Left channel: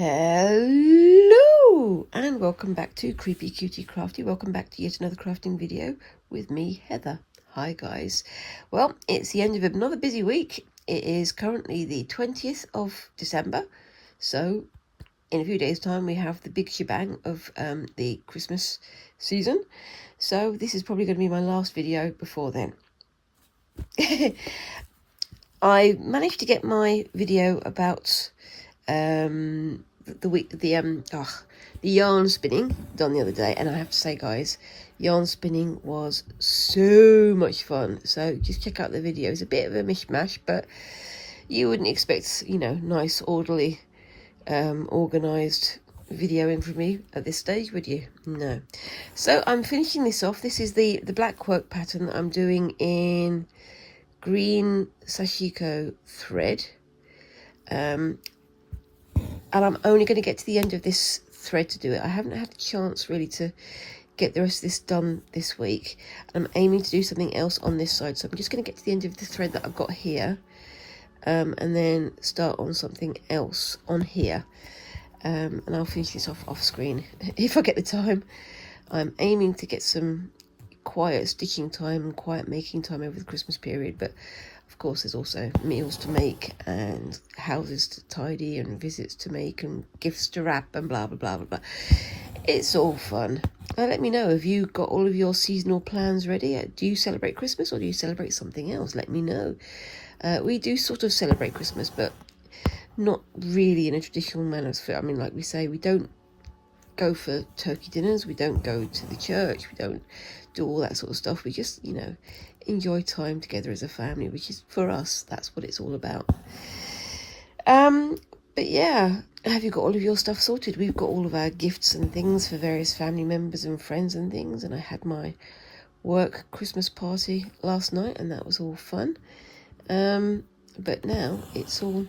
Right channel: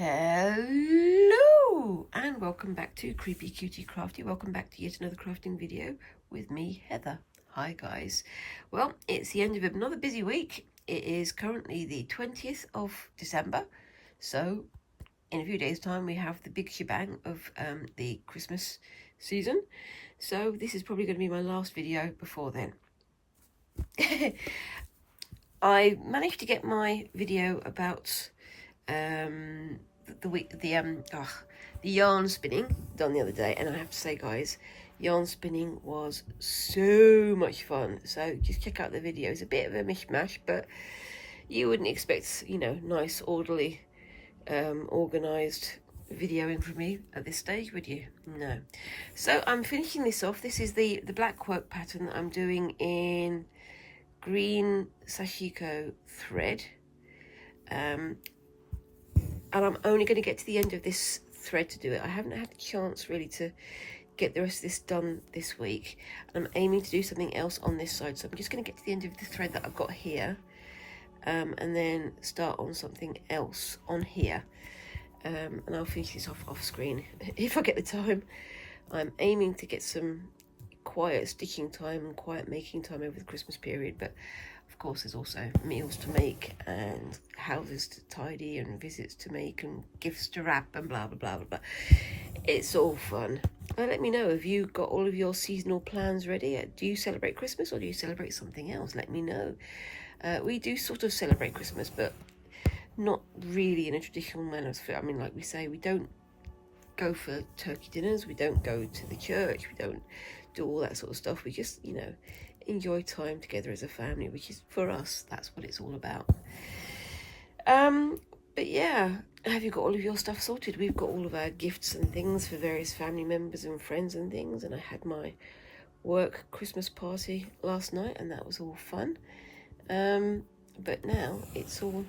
Hello and welcome back to Creepy Cutie Crafty. Welcome back to yet another crafting video with me, Heather. Hi guys. Well, it's the end of another busy week. It is currently the 20th of December. So in a few days time we have the big shebang of the Christmas season. So this is probably going to be my last video before then. I managed to get my video about the yarn spinning done the other day, and I have to say guys, yarn spinning was so much fun. So just check out the video. It's a bit of a mishmash, but you wouldn't expect, you know, nice orderly organized videoing from me at this stage, would you? No. So I'm finishing this off. This is the Blackwork pattern that I'm doing in green sashiko thread, and I'm only going to get to the end of this thread to do it. I haven't had a chance really to get the rest of this done this week. I'm aiming to do something else on this side, so I'm just going to get to the end of the thread that I've got here, and then start on something else on here, and I'll finish this off screen if I get the time. I'm aiming to get some quiet stitching time and quiet making time over the Christmas period, but of course there's also meals to make and houses to tidy and visits to make and gifts to wrap and blah blah blah blah blah. It's all fun. Let me know, have you got all of your seasonal plans ready? Do you celebrate Christmas or do you celebrate something else? Let me know. We do sort of celebrate Christmas, but not really in a traditional manner. I mean, like we say, we don't go for turkey dinners, we don't go to the church, we don't do all that sort of stuff. We just, you know, enjoy time together as a family, which is, for us, that's what it's all about. But yeah, have you got all of your stuff sorted? We've got all of our gifts and things for various family members and friends and things, and I had my work Christmas party last night and that was all fun. But now it's all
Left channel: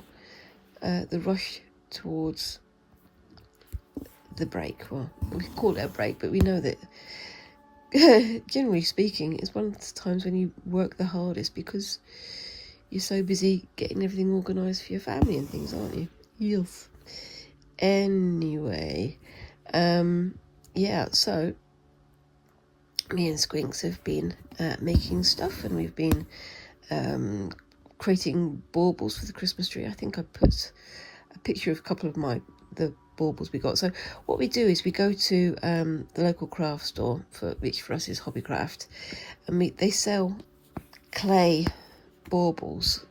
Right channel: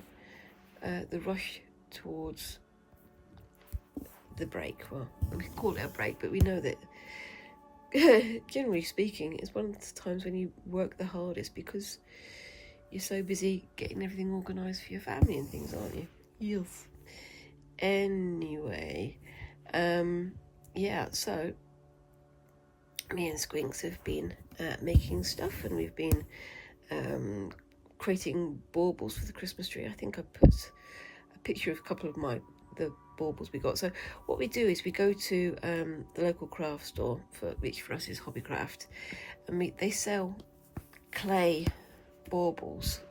the rush towards the break. Well, we call it a break, but we know that generally speaking, it's one of the times when you work the hardest because you're so busy getting everything organised for your family and things, aren't you? Yes. Anyway, yeah, so me and Squinks have been making stuff, and we've been creating baubles for the Christmas tree. I think I put a picture of a couple of the baubles we got. So what we do is we go to the local craft store, which for us is Hobbycraft, and they sell clay baubles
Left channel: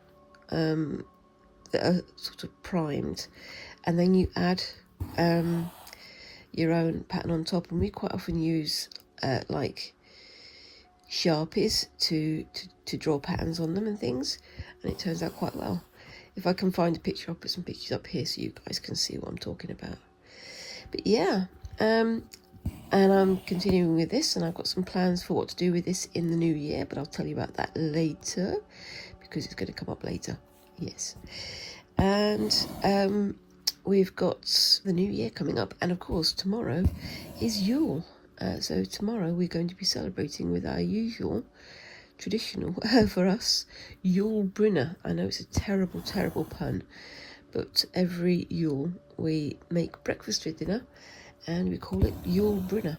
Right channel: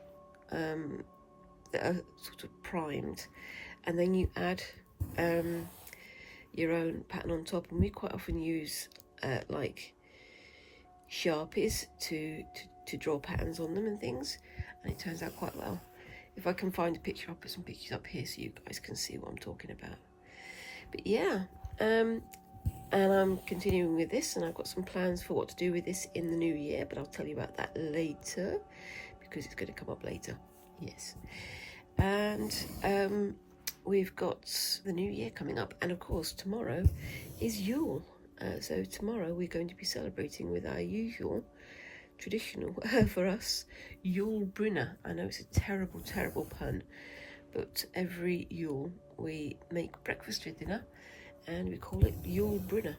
that are sort of primed, and then you add your own pattern on top, and we quite often use like Sharpies to draw patterns on them and things, and it turns out quite well. If I can find a picture, I'll put some pictures up here so you guys can see what I'm talking about. But yeah, and I'm continuing with this, and I've got some plans for what to do with this in the new year, but I'll tell you about that later because it's going to come up later. Yes. And we've got the new year coming up, and of course tomorrow is Yule. So tomorrow we're going to be celebrating with our usual traditional, for us, Yule Brunner. I know it's a terrible, terrible pun, but every Yule we make breakfast for dinner and we call it Yule Brunner.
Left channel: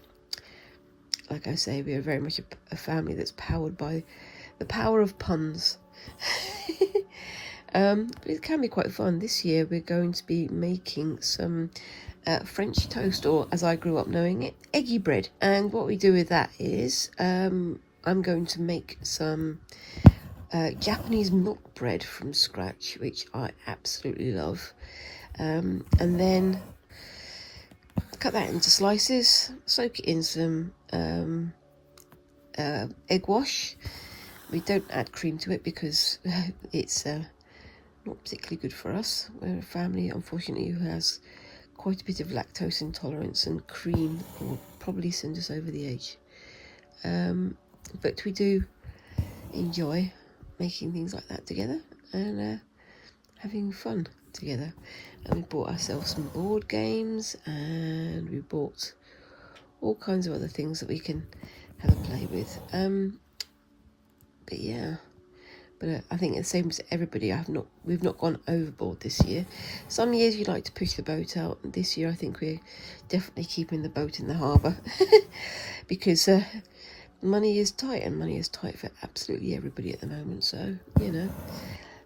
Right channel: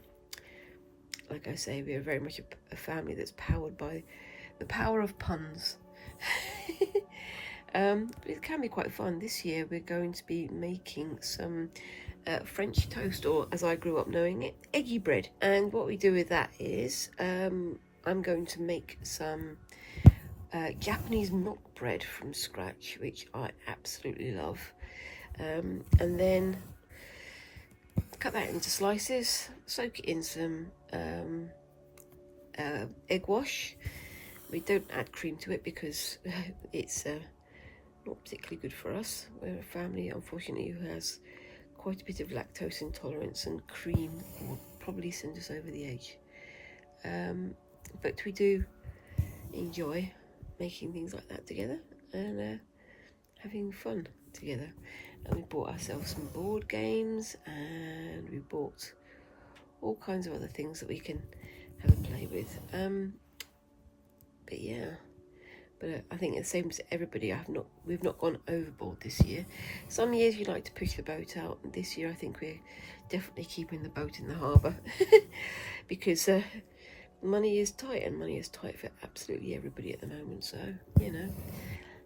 Like I say, we are very much a family that's powered by the power of puns. But it can be quite fun. This year we're going to be making some French toast, or as I grew up knowing it, eggy bread. And what we do with that is I'm going to make some Japanese milk bread from scratch, which I absolutely love, and then cut that into slices, soak it in some egg wash. We don't add cream to it because it's not particularly good for us. We're a family, unfortunately, who has quite a bit of lactose intolerance, and cream will probably send us over the edge. But we do enjoy making things like that together and having fun together. And we bought ourselves some board games, and we bought all kinds of other things that we can have a play with. But yeah, But I think the same as everybody, we've not gone overboard this year. Some years we like to push the boat out. This year I think we're definitely keeping the boat in the harbour because money is tight, and money is tight for absolutely everybody at the moment. So, you know,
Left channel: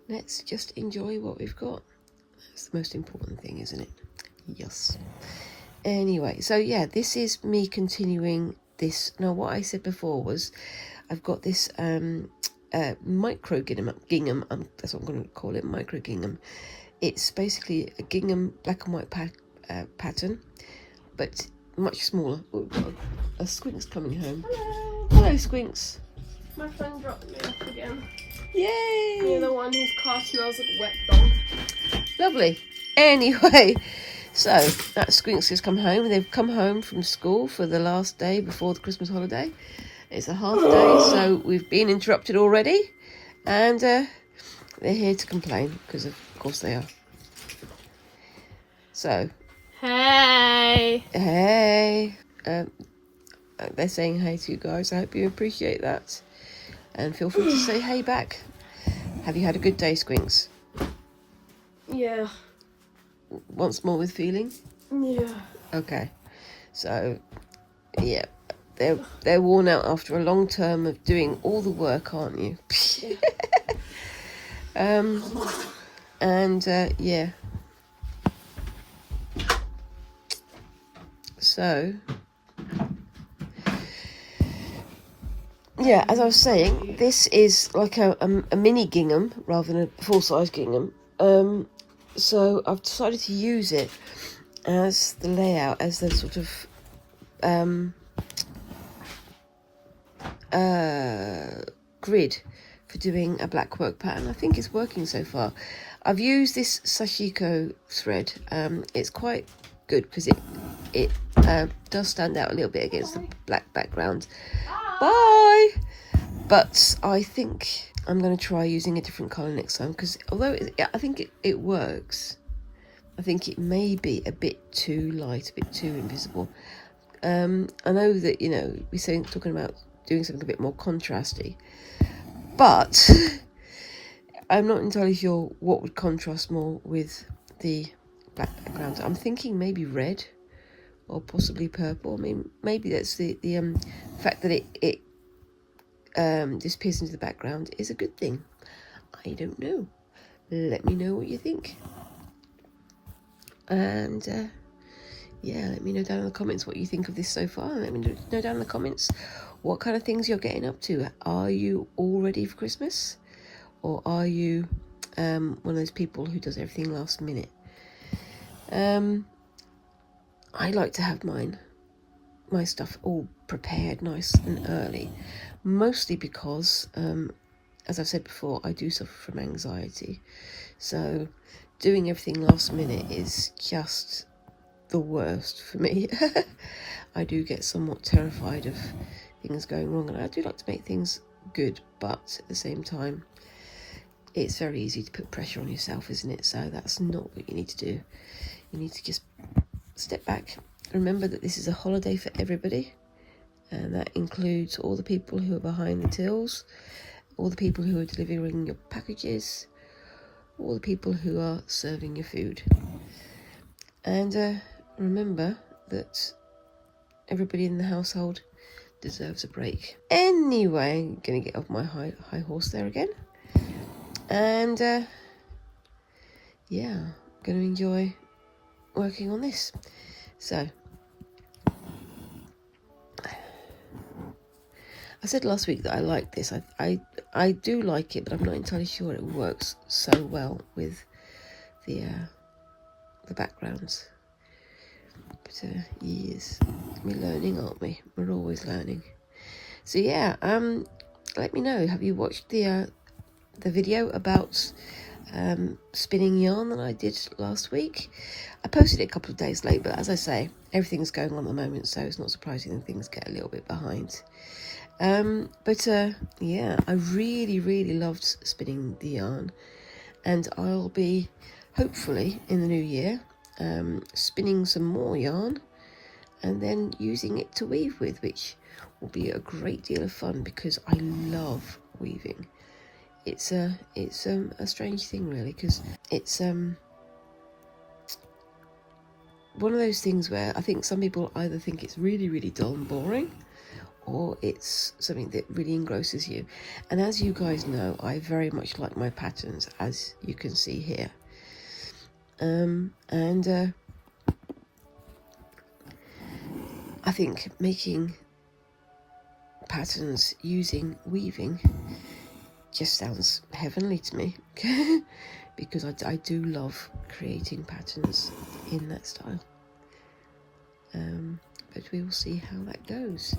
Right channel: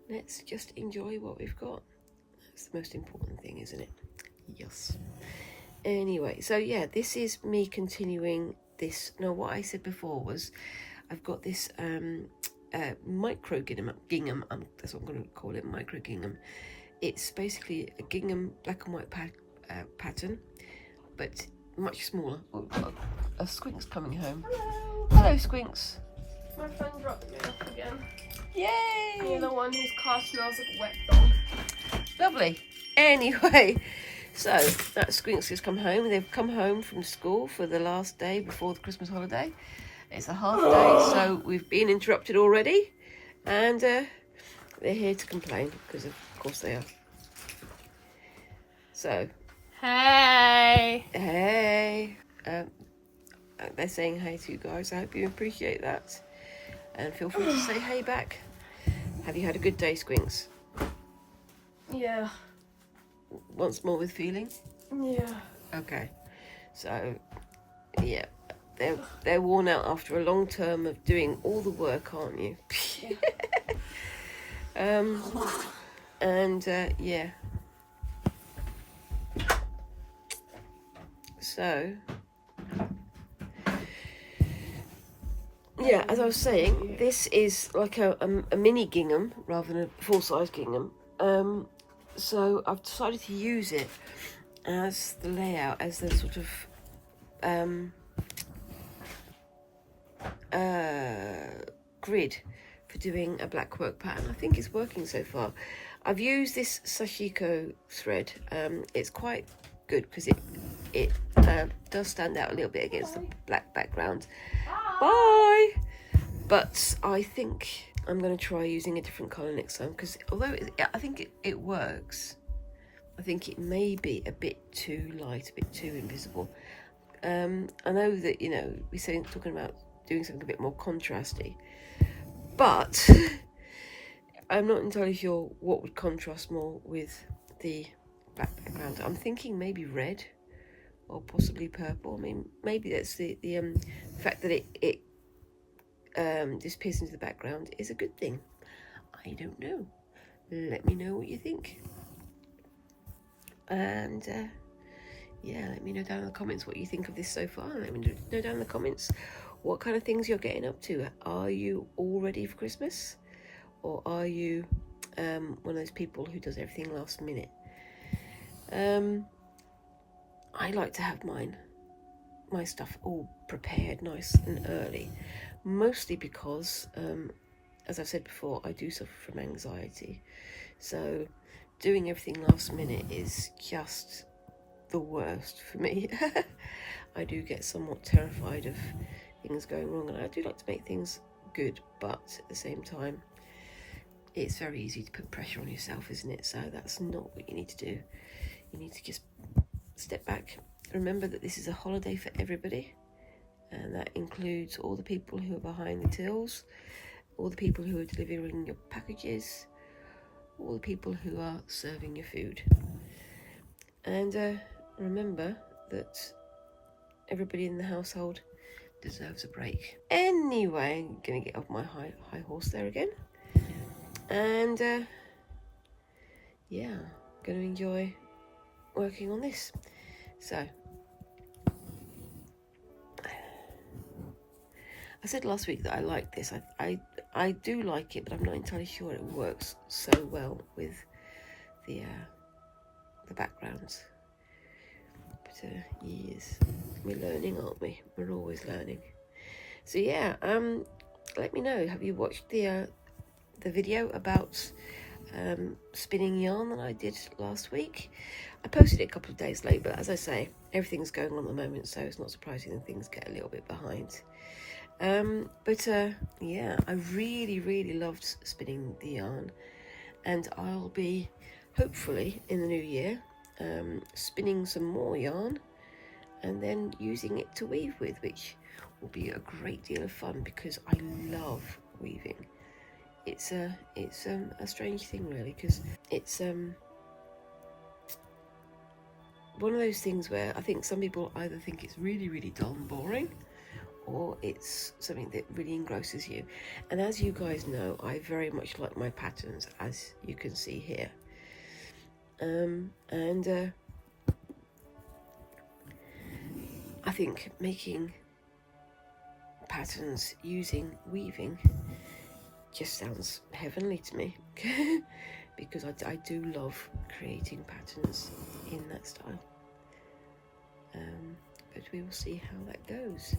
let's just enjoy what we've got. That's the most important thing, isn't it? Yes. Anyway, so yeah, this is me continuing this. Now, what I said before was I've got this micro gingham, that's what I'm going to call it, micro gingham. It's basically a gingham black and white pattern, but much smaller. Oh, we've got a Squinks coming home. Hello, Squinks. My friend dropped me off again. Yay! You're the one whose car smells like wet bum. Lovely. Anyway, so that Squinks has come home. They've come home from school for the last day before the Christmas holiday. It's a half day, so we've been interrupted already, and they're here to complain because of course they are. So, Hey. They're saying hey to you guys. I hope you appreciate that, and feel free to say hey back. Have you had a good day, Squinks? Yeah. Once more with feeling? Yeah. Okay. So, yeah. They're worn out after a long term of doing all the work, aren't you? Yeah. Yeah. So, yeah, as I was saying, this is like a mini gingham rather than a full-size gingham. So I've decided to use it as the layout, as the sort of grid for doing a blackwork pattern. I think it's working so far. I've used this Sashiko thread. It's quite good because it does stand out a little bit against the black background. Bye! But I think I'm going to try using a different colour next time, because although I think it works, I think it may be a bit too light, a bit too invisible. I know that, you know, we're talking about doing something a bit more contrasty, but I'm not entirely sure what would contrast more with the black background. I'm thinking maybe red or possibly purple. I mean, maybe that's the fact that it disappears into the background is a good thing. I don't know. Let me know what you think. And yeah, let me know down in the comments what you think of this so far. And let me know down in the comments what kind of things you're getting up to. Are you all ready for Christmas? Or are you one of those people who does everything last minute? I like to have my stuff all prepared nice and early, mostly because, as I've said before, I do suffer from anxiety. So doing everything last minute is just the worst for me. I do get somewhat terrified of things going wrong, and I do like to make things good, but at the same time, it's very easy to put pressure on yourself, isn't it? So that's not what you need to do. You need to just step back. Remember that this is a holiday for everybody, and that includes all the people who are behind the tills, all the people who are delivering your packages, all the people who are serving your food. And remember that everybody in the household deserves a break. Anyway, I'm going to get off my high horse there again. And yeah, I'm going to enjoy working on this. So, I said last week that I like this. I do like it, but I'm not entirely sure it works so well with the backgrounds. But yes, we're learning, aren't we? We're always learning. So yeah, let me know. Have you watched the video about spinning yarn that I did last week? I posted it a couple of days late, but as I say, everything's going on at the moment, so it's not surprising that things get a little bit behind. Yeah, I really loved spinning the yarn, and I'll be hopefully in the new year spinning some more yarn and then using it to weave with, which will be a great deal of fun because I love weaving. it's a strange thing really, because it's one of those things where I think some people either think it's really, really dull and boring, or it's something that really engrosses you. And as you guys know, I very much like my patterns, as you can see here. I think making patterns using weaving just sounds heavenly to me. Because I do love creating patterns in that style. But we will see how that goes.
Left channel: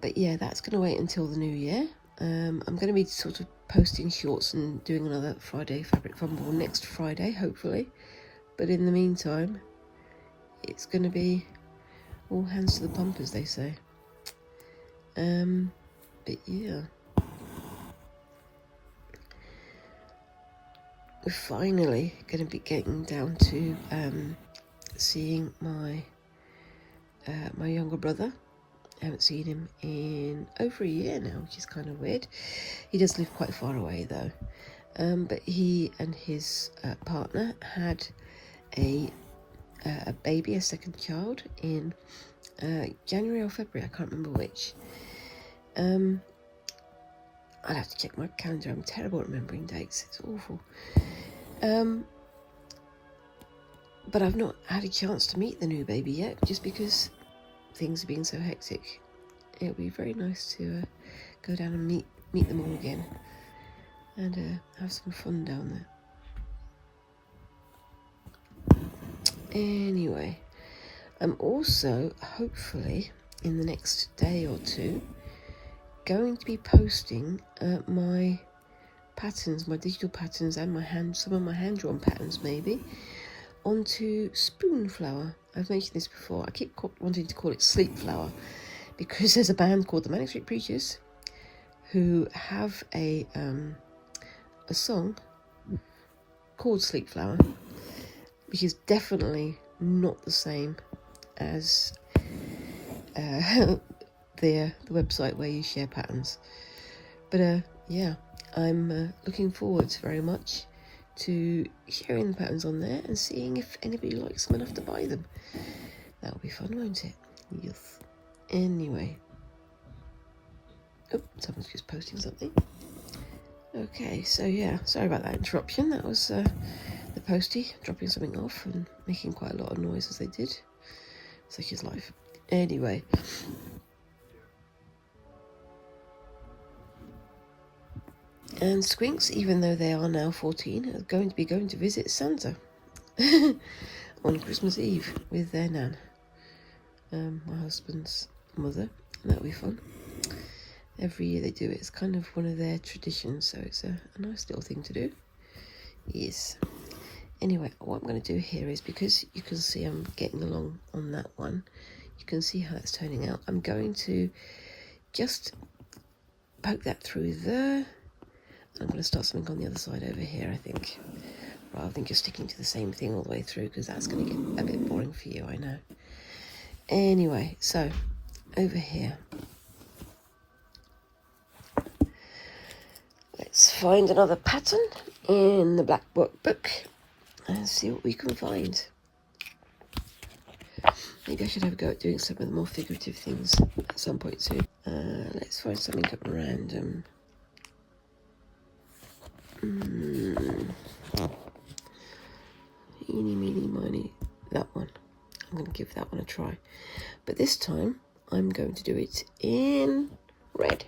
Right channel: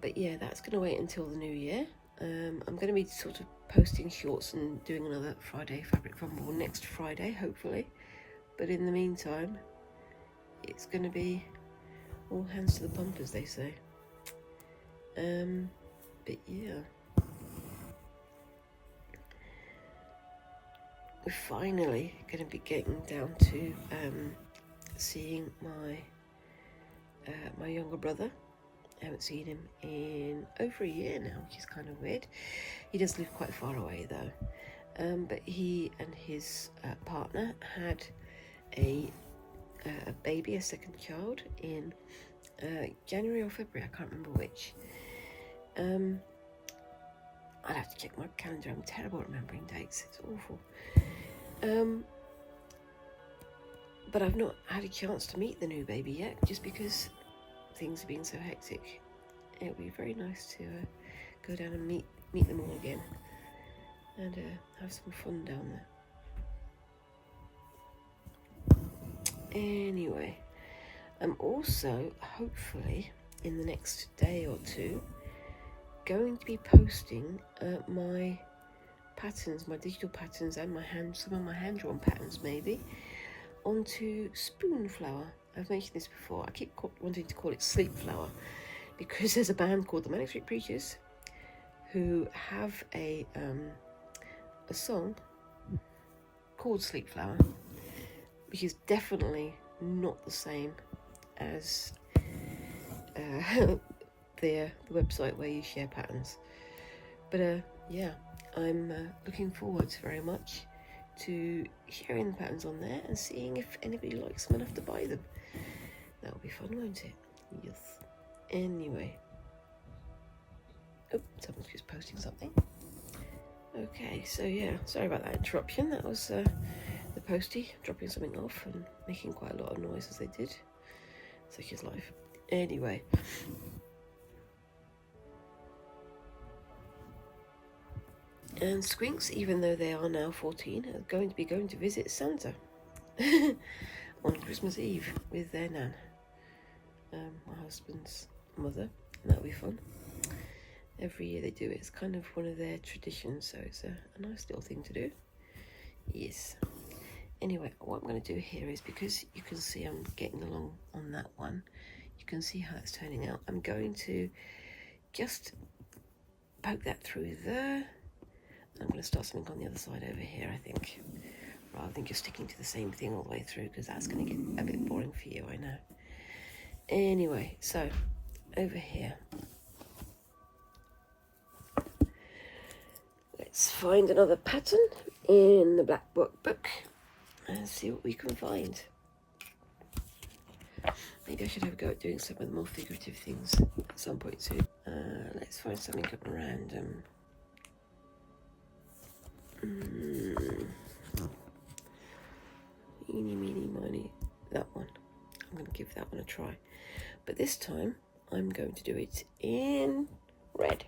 But yeah, that's going to wait until the new year. I'm going to be sort of posting shorts and doing another Friday Fabric Fumble next Friday, hopefully. But in the meantime, it's going to be all hands to the pump, as they say. But yeah. We're finally going to be getting down to seeing my my younger brother. I haven't seen him in over a year now, which is kind of weird. He does live quite far away though. But he and his partner had a baby, a second child, in January or February, I can't remember which. I'd have to check my calendar. I'm terrible at remembering dates. It's awful. But I've not had a chance to meet the new baby yet, just because things have been so hectic. It would be very nice to go down and meet them all again, and have some fun down there. Anyway, I'm also, hopefully, in the next day or two, going to be posting my patterns, my digital patterns, and some of my hand-drawn patterns maybe, onto spoon flower. I've mentioned this before. I keep wanting to call it sleep flower, because there's a band called the Manic Street Preachers who have a song called Sleep Flower, which is definitely not the same as the website where you share patterns. But yeah, I'm looking forward very much to sharing the patterns on there and seeing if anybody likes them enough to buy them. That'll be fun, won't it? Yes. Anyway. Oh, someone's just posting something. Okay, so yeah, sorry about that interruption. That was the postie dropping something off and making quite a lot of noise as they did. Such is life. Anyway. And Squinks, even though they are now 14, are going to visit Santa on Christmas Eve with their nan, my husband's mother, and that'll be fun. Every year they do it. It's kind of one of their traditions, so it's a nice little thing to do. Yes. Anyway, what I'm going to do here is, because you can see I'm getting along on that one, you can see how it's turning out. I'm going to just poke that through there. I'm going to start something on the other side over here, I think, rather than just sticking to the same thing all the way through, because that's going to get a bit boring for you, I know. Anyway, so over here, let's find another pattern in the Blackwork book and see what we can find. Maybe I should have a go at doing some of the more figurative things at some point soon. Let's find something at random. Eeny, meeny, miny, that one. I'm going to give that one a try. But this time, I'm going to do it in red.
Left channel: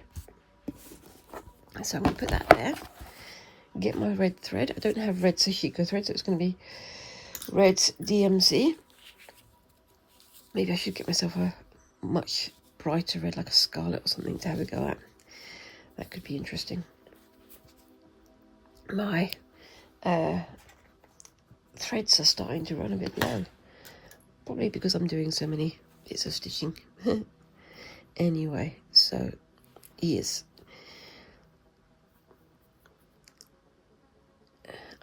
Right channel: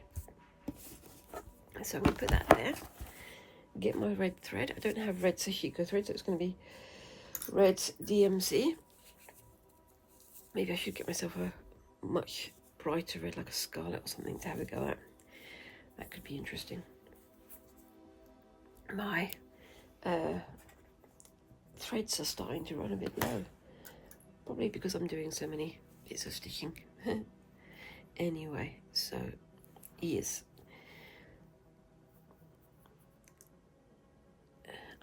So I'm going to put that there. Get my red thread. I don't have red Sashiko thread, so it's going to be red DMC. Maybe I should get myself a much brighter red, like a scarlet or something, to have a go at. That could be interesting. My threads are starting to run a bit low, probably because I'm doing so many bits of stitching. Anyway, so yes,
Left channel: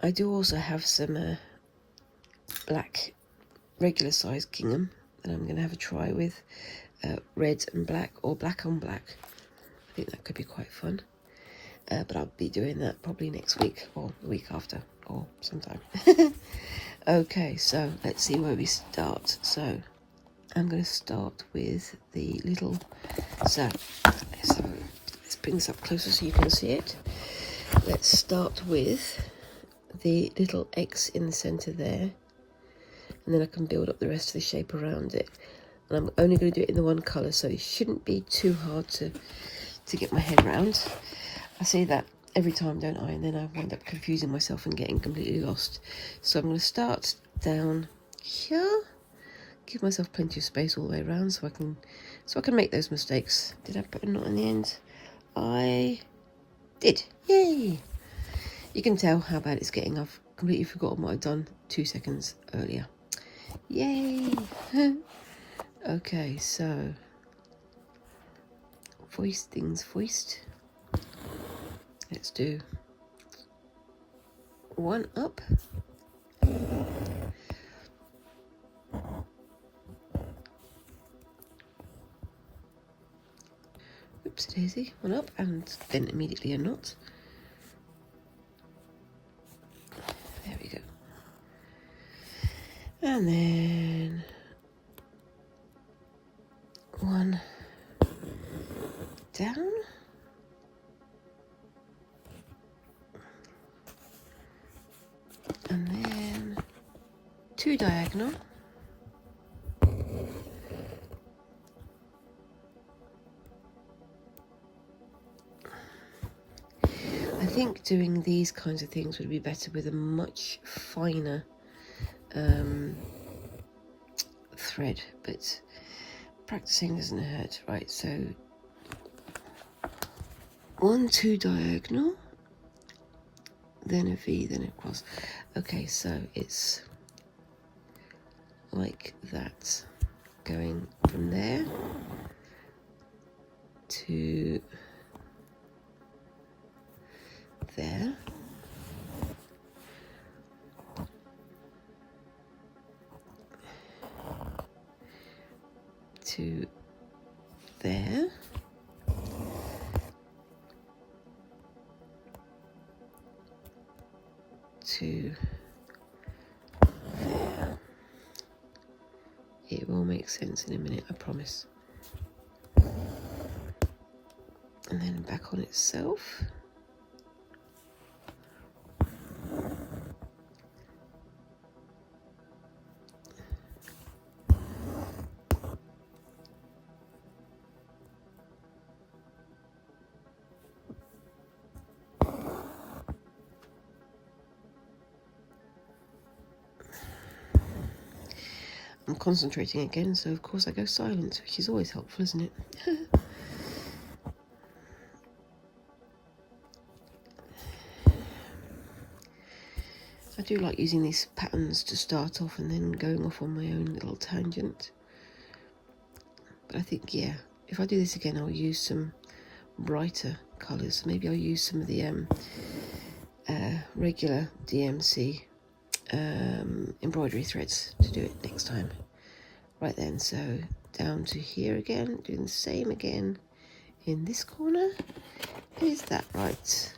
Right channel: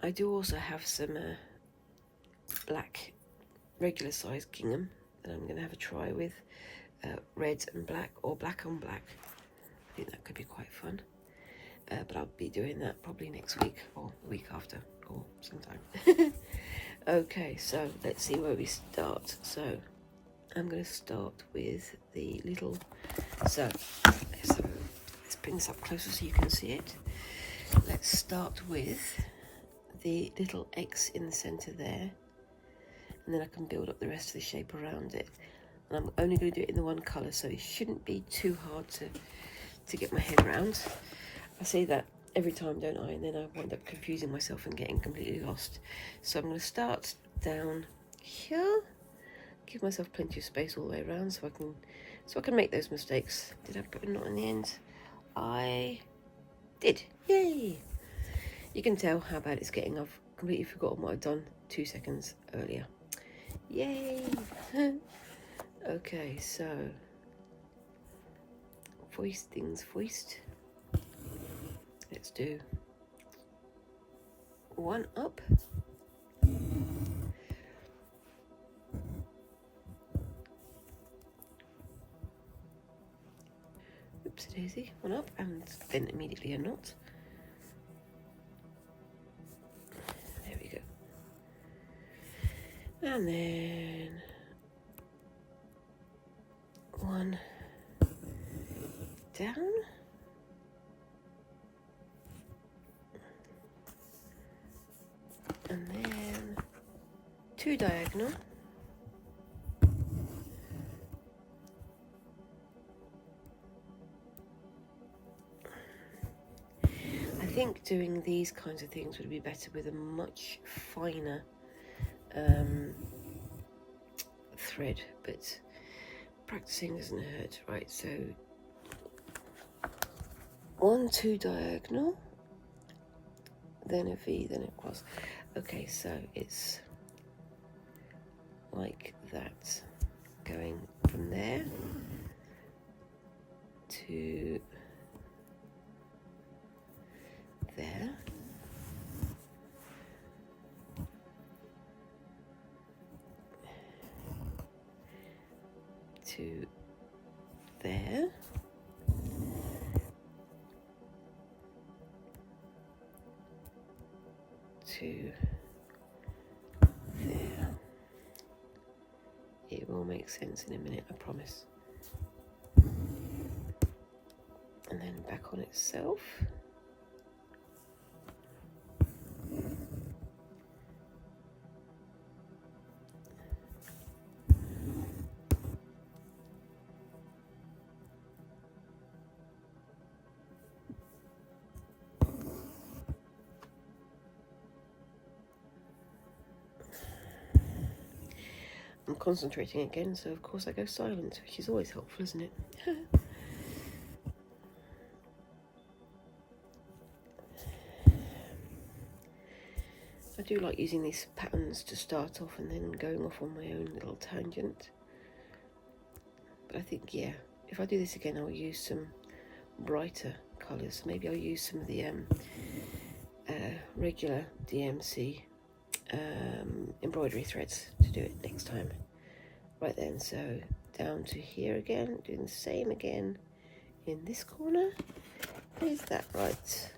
I do also have some black regular size gingham that I'm going to have a try with, red and black, or black on black. I think that could be quite fun. but I'll be doing that probably next week or the week after or sometime. Okay, so let's see where we start. So I'm going to start with the little, so let's bring this up closer so you can see it. Let's start with the little X in the center there, and then I can build up the rest of the shape around it. And I'm only going to do it in the one colour, so it shouldn't be too hard to get my head around. I see that every time, don't I? And then I wind up confusing myself and getting completely lost. So I'm going to start down here, give myself plenty of space all the way around so I can make those mistakes. Did I put a knot in the end? I did. Yay! You can tell how bad it's getting. I've completely forgotten what I'd done 2 seconds earlier. Yay! Okay, so foist things foist. Let's do one up. Oops daisy, one up, and then immediately a knot. There we go. And then one down. And then 2 diagonal. I think doing these kinds of things would be better with a much finer thread, but practicing doesn't hurt. Right, so 1, 2 diagonal, then a V, then a cross. Okay, so it's like that, going from there to there. To there. To there. It will make sense in a minute, I promise. And then back on itself. I'm concentrating again, so of course I go silent, which is always helpful, isn't it? I do like using these patterns to start off and then going off on my own little tangent. But I think, yeah, if I do this again, I'll use some brighter colours. Maybe I'll use some of the regular DMC embroidery threads to do it next time. Right then, so down to here again, doing the same again in this corner. Is that right?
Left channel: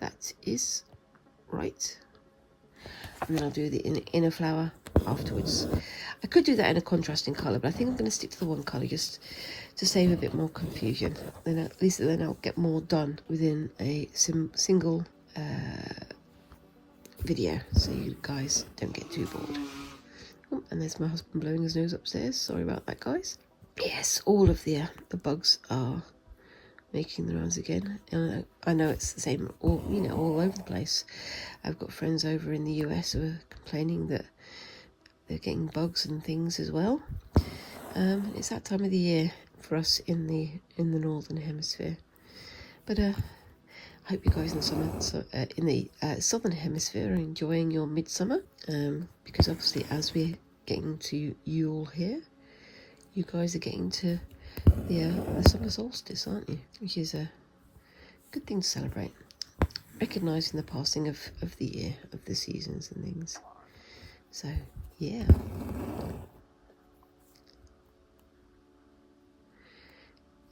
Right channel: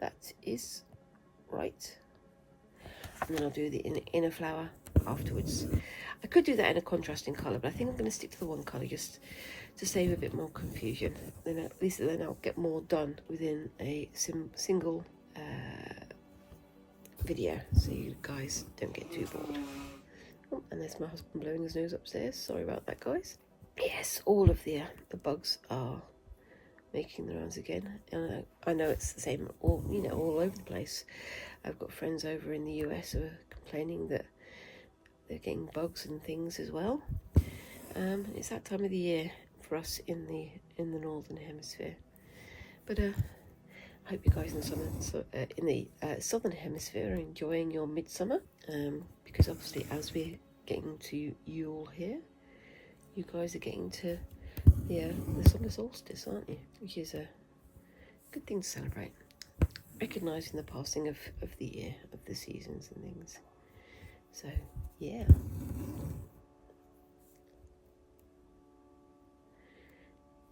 That is right. And then I'll do the inner flower afterwards. I could do that in a contrasting colour, but I think I'm going to stick to the one colour just to save a bit more confusion. Then at least then I'll get more done within a single video, so you guys don't get too bored. Oh, and there's my husband blowing his nose upstairs. Sorry about that, guys. Yes, all of the bugs are making the rounds again. I know it's the same, all over the place. I've got friends over in the US who are complaining that they're getting bugs and things as well. It's that time of the year for us in the northern hemisphere. But I hope you guys in the southern hemisphere are enjoying your midsummer, because obviously as we're getting to Yule here, you guys are getting to the summer solstice, aren't you? Which is a good thing to celebrate, recognising the passing of the year, of the seasons and things. So yeah.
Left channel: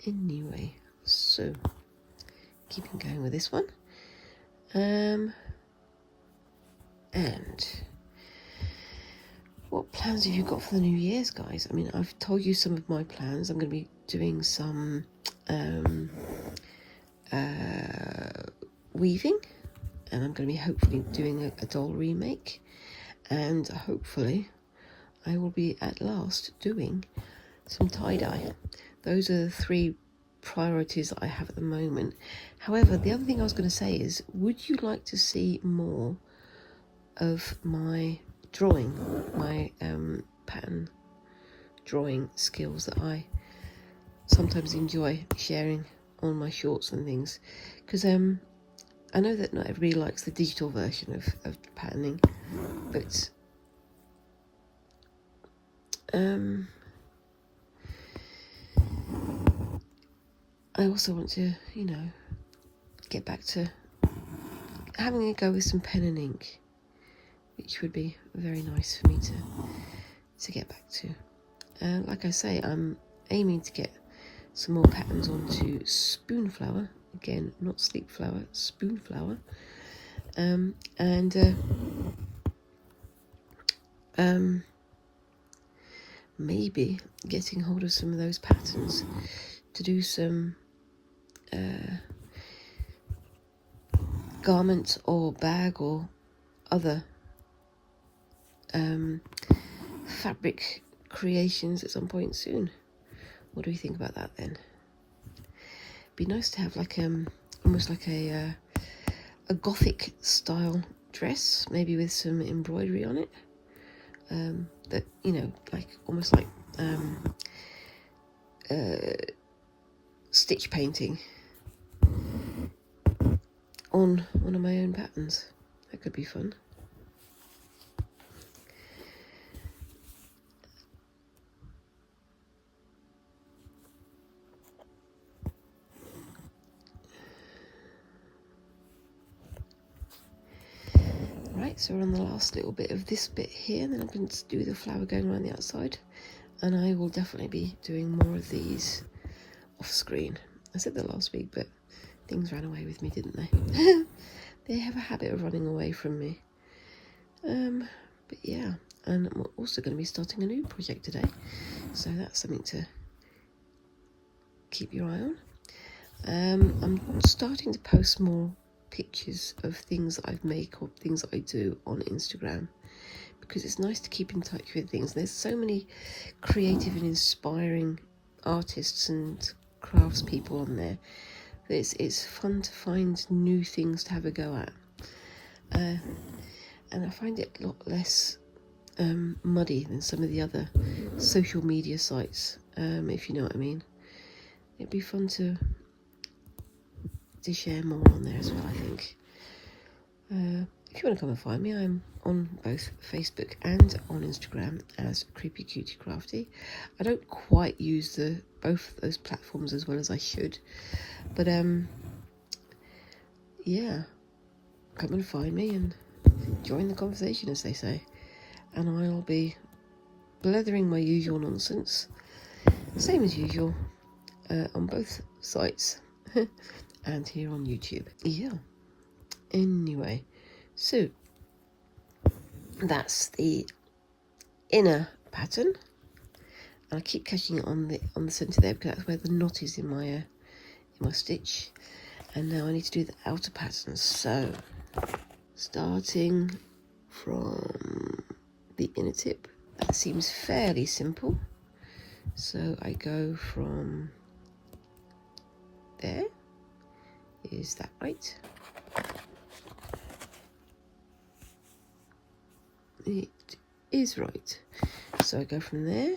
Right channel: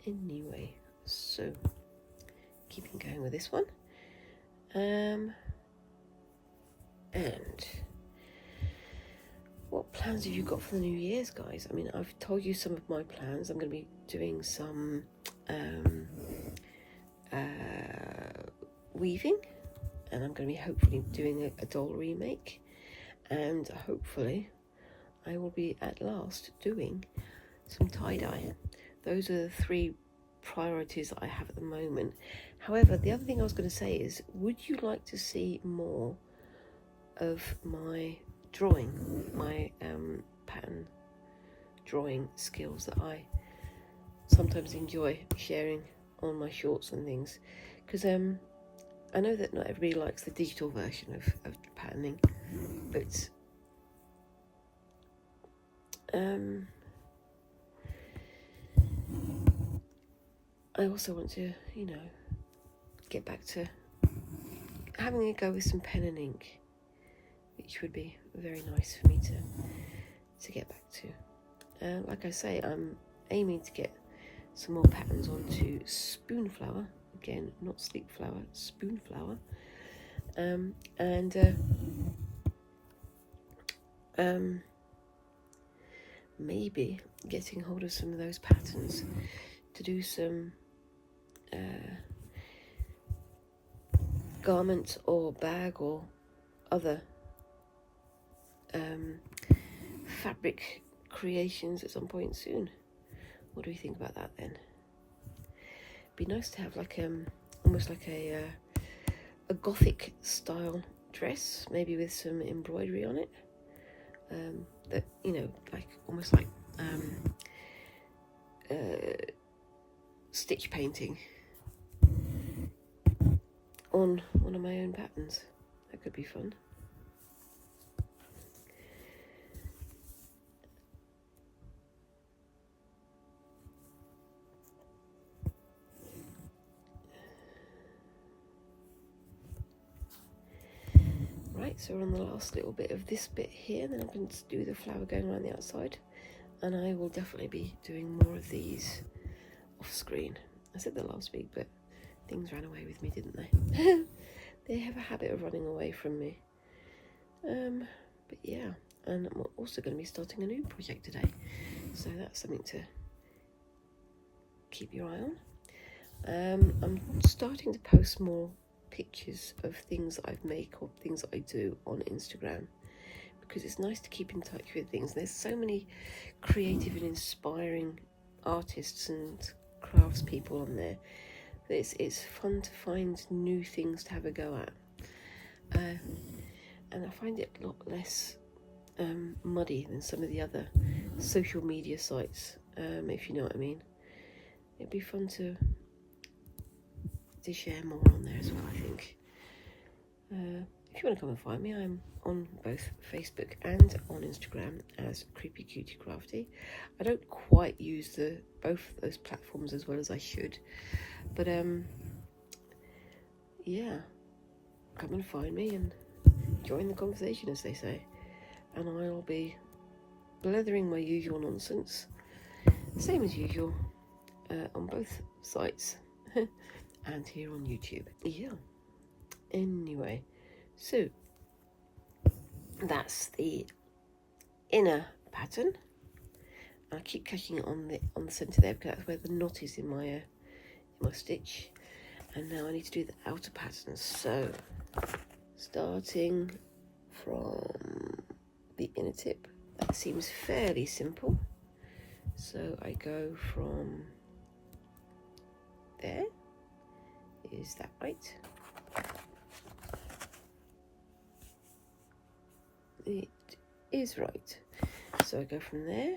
Anyway, so keeping going with this one. And what plans have you got for the New Year's, guys? I mean, I've told you some of my plans. I'm going to be doing some weaving, and I'm going to be hopefully doing a doll remake, and hopefully I will be at last doing some tie-dye. Those are the 3 priorities that I have at the moment. However, the other thing I was going to say is, would you like to see more of my drawing, my pattern drawing skills that I sometimes enjoy sharing on my shorts and things? Because I know that not everybody likes the digital version of patterning, but I also want to, you know, get back to having a go with some pen and ink, which would be very nice for me to get back to. Like I say, I'm aiming to get some more patterns onto spoon flower. Again, not sleep flower, spoon flower. Maybe getting hold of some of those patterns to do some garment or bag or other fabric creations at some point soon. What do you think about that then? Be nice to have like almost like a gothic style dress, maybe with some embroidery on it, that, you know, like almost like stitch painting on one of my own patterns. That could be fun. Right, so we're on the last little bit of this bit here, and then I'm going to do the flower going around the outside, and I will definitely be doing more of these off screen. I said that last week, but things ran away with me, didn't they? They have a habit of running away from me. But yeah, and I'm also going to be starting a new project today, so that's something to keep your eye on. I'm starting to post more pictures of things that I've made or things that I do on Instagram, because it's nice to keep in touch with things. There's so many creative and inspiring artists and crafts people on there. It's fun to find new things to have a go at, and I find it a lot less muddy than some of the other social media sites, if you know what I mean. It'd be fun to share more on there as well, I think. If you want to come and find me, I'm on both Facebook and on Instagram as Creepy Cutie Crafty. I don't quite use both of those platforms as well as I should, but yeah, come and find me and join the conversation, as they say, and I'll be blethering my usual nonsense, same as usual, on both sites and here on YouTube. Yeah, anyway, so that's the inner pattern. I keep catching it on the centre there because that's where the knot is in my stitch. And now I need to do the outer patterns. So starting from the inner tip, that seems fairly simple. So I go from there. Is that right? It is right. So I go from there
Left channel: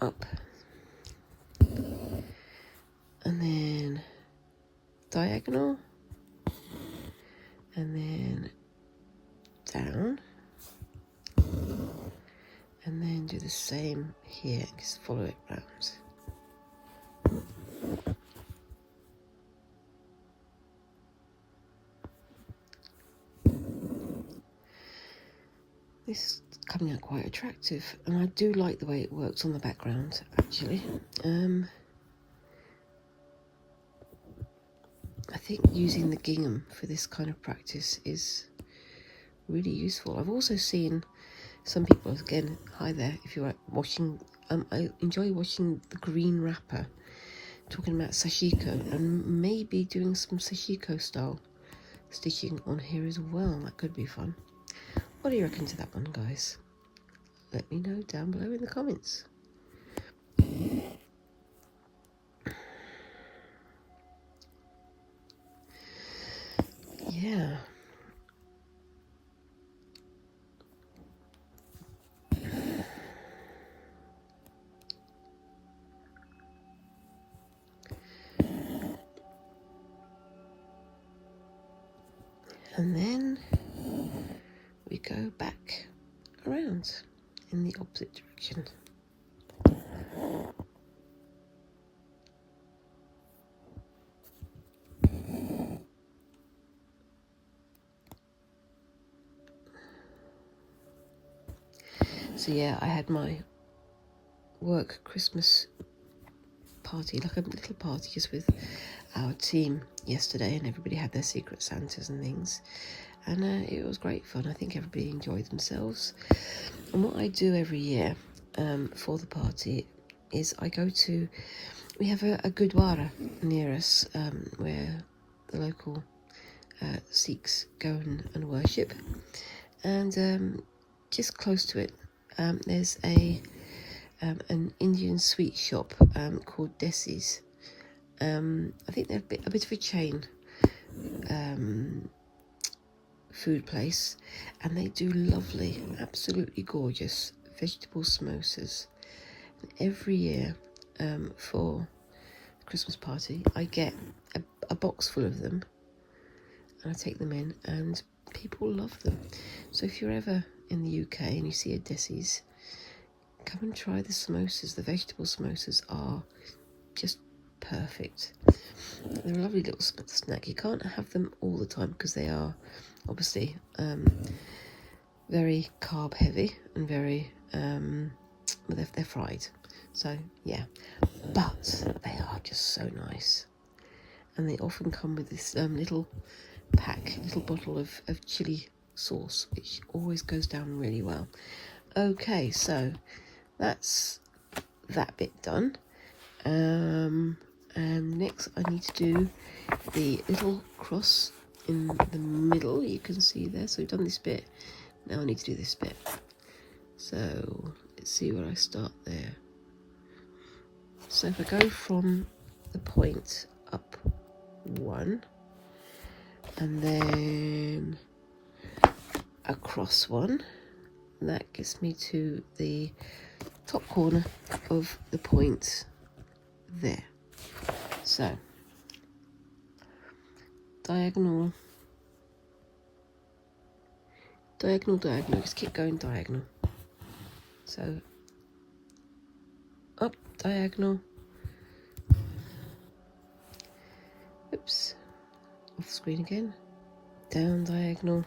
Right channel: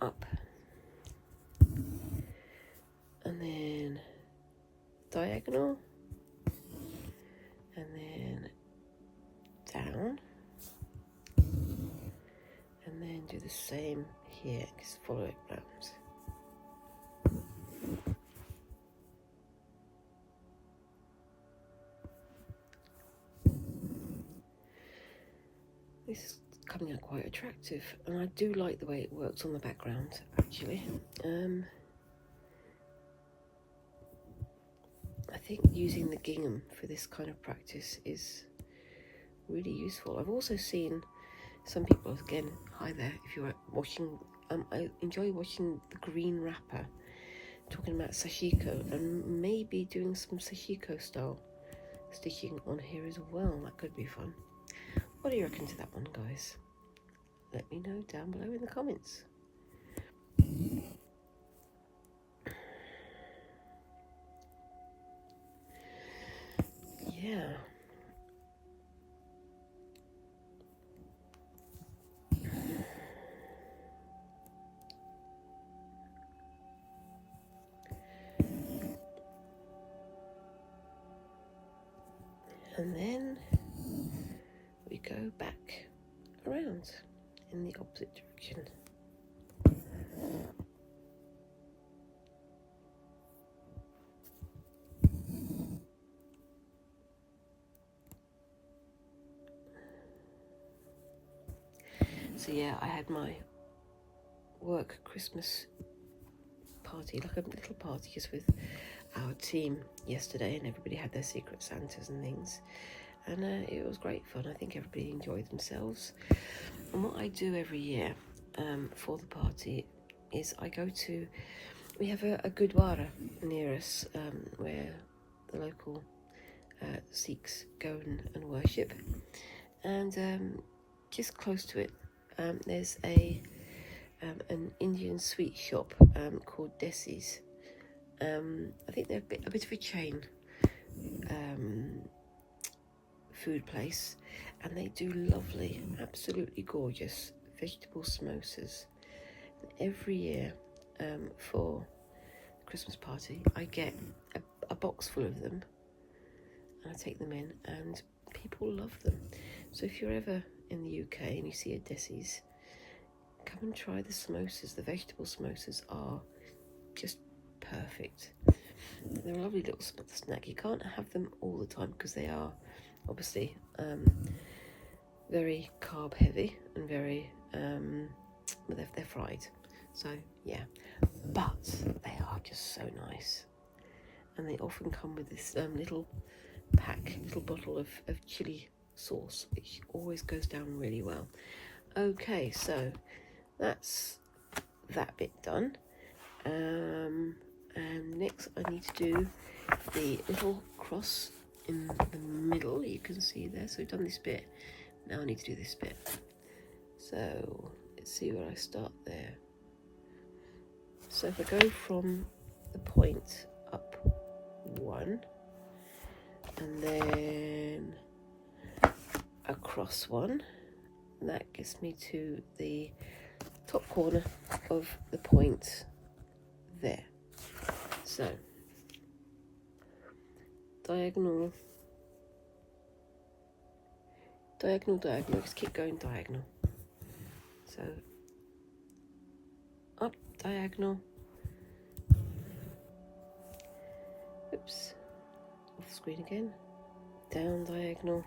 up, and then diagonal, and then down, and then do the same here, just follow it round. This coming out quite attractive, and I do like the way it works on the background actually. I think using the gingham for this kind of practice is really useful. I've also seen some people, again, hi there, if you're watching, I enjoy watching the green wrapper, talking about sashiko, and maybe doing some sashiko style stitching on here as well. That could be fun. What do you reckon to that one, guys? Let me know down below in the comments. Yeah. And then we go back around in the opposite direction. So yeah, I had my work Christmas party, like a little party just with our team yesterday, and everybody had their secret Santas and things, and it was great fun. I think everybody enjoyed themselves. And what I do every year for the party is we have a gurdwara near us where the local Sikhs go and worship, and just close to it there's an Indian sweet shop called Desi's. I think they're a bit of a chain food place, and they do lovely, absolutely gorgeous vegetable samosas. Every year for the Christmas party I get a box full of them, and I take them in, and people love them. So if you're ever in the UK and you see a Desi's, come and try the samosas. The vegetable samosas are just perfect. They're a lovely little snack. You can't have them all the time because they are obviously very carb heavy and very they're fried, so yeah, but they are just so nice. And they often come with this little bottle of chili sauce, which always goes down really well. Okay, so that's that bit done, and next I need to do the little cross in the middle. You can see there, so we've done this bit. Now I need to do this bit. So let's see where I start there. So if I go from the point up one, and then across one, and that gets me to the top corner of the point there. So diagonal, just keep going diagonal. So up diagonal, oops, off the screen again, down diagonal,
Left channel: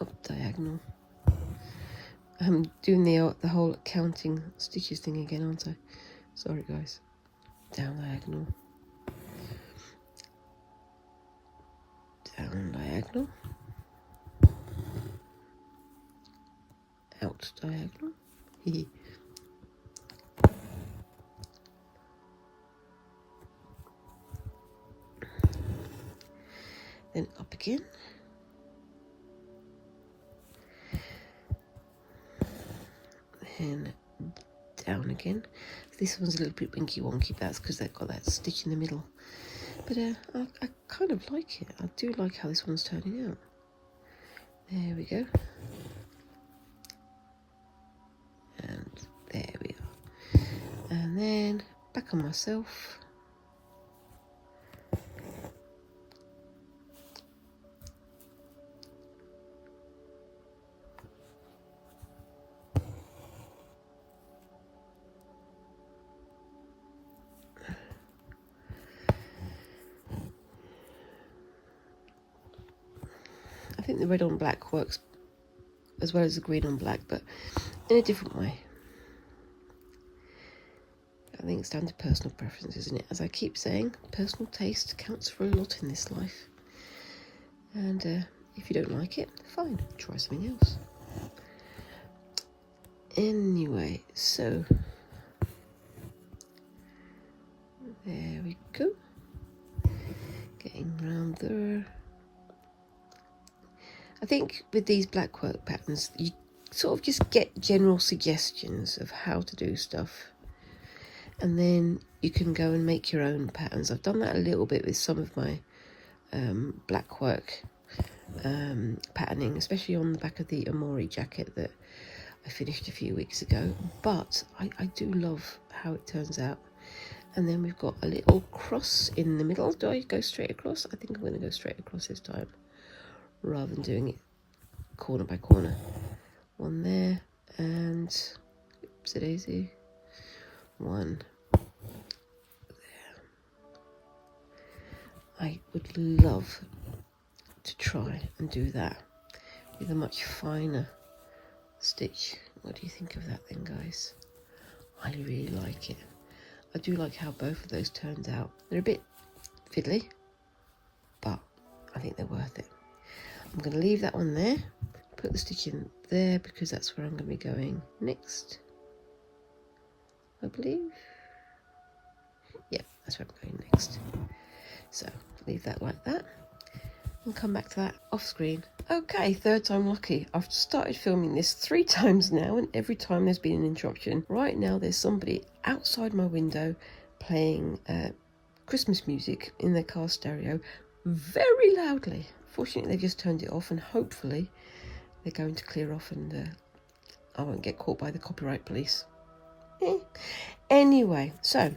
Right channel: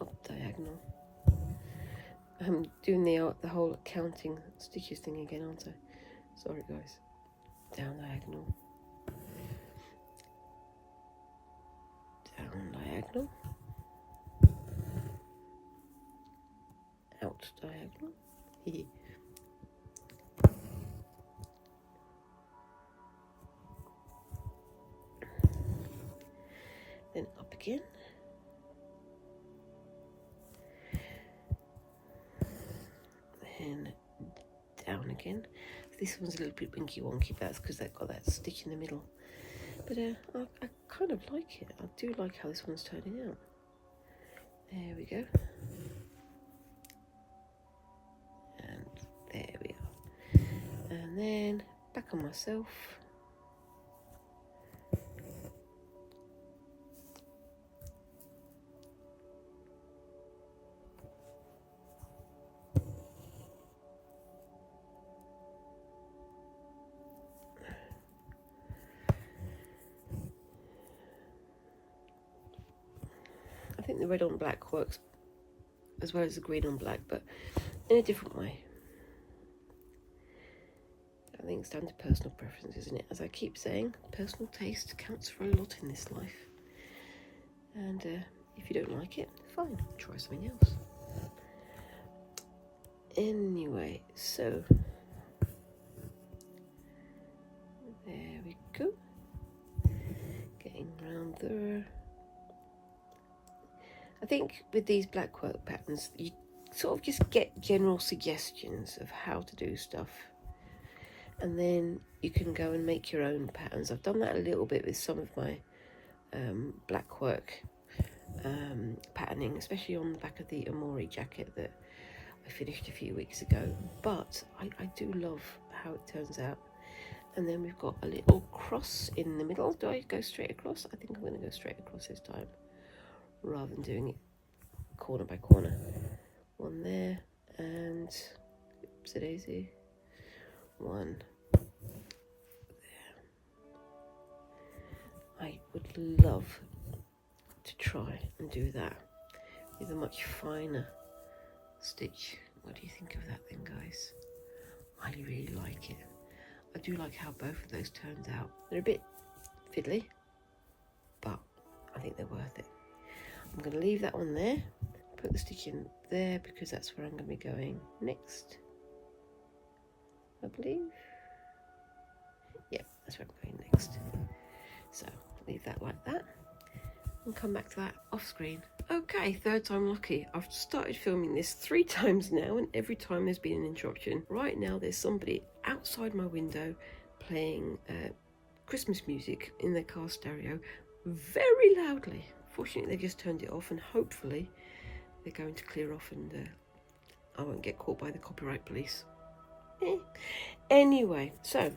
up diagonal. I'm doing the whole counting stitches thing again, aren't I? Sorry guys. Down diagonal, down diagonal, out diagonal, then up again, then down again. This one's a little bit winky wonky, but that's because they've got that stitch in the middle. But I kind of like it. I do like how this one's turning out. There we go. And there we are. And then back on myself. think the red on black works as well as the green on black, but in a different way. I think it's down to personal preference, isn't it? As I keep saying, personal taste counts for a lot in this life. And if you don't like it, fine, try something else. Anyway, so there we go. Getting round there. I think with these Blackwork patterns, you sort of just get general suggestions of how to do stuff. And then you can go and make your own patterns. I've done that a little bit with some of my Blackwork patterning, especially on the back of the Amori jacket that I finished a few weeks ago. But I do love how it turns out. And then we've got a little cross in the middle. Do I go straight across? I think I'm going to go straight across this time, rather than doing it corner by corner. One there, and oopsie daisy, one there. I would love to try and do that with a much finer stitch. What do you think of that then, guys? I really like it. I do like how both of those turned out. They're a bit fiddly, but I think they're worth it. I'm going to leave that one there, put the stitch in there because that's where I'm going to be going next, I believe. Yep, that's where I'm going next. So leave that like that and come back to that off screen. Okay, third time lucky. I've started filming this 3 times now, and every time there's been an interruption. Right now there's somebody outside my window playing Christmas music in their car stereo very loudly. Fortunately they just turned it off, and hopefully they're going to clear off and I won't get caught by the copyright police. Anyway, so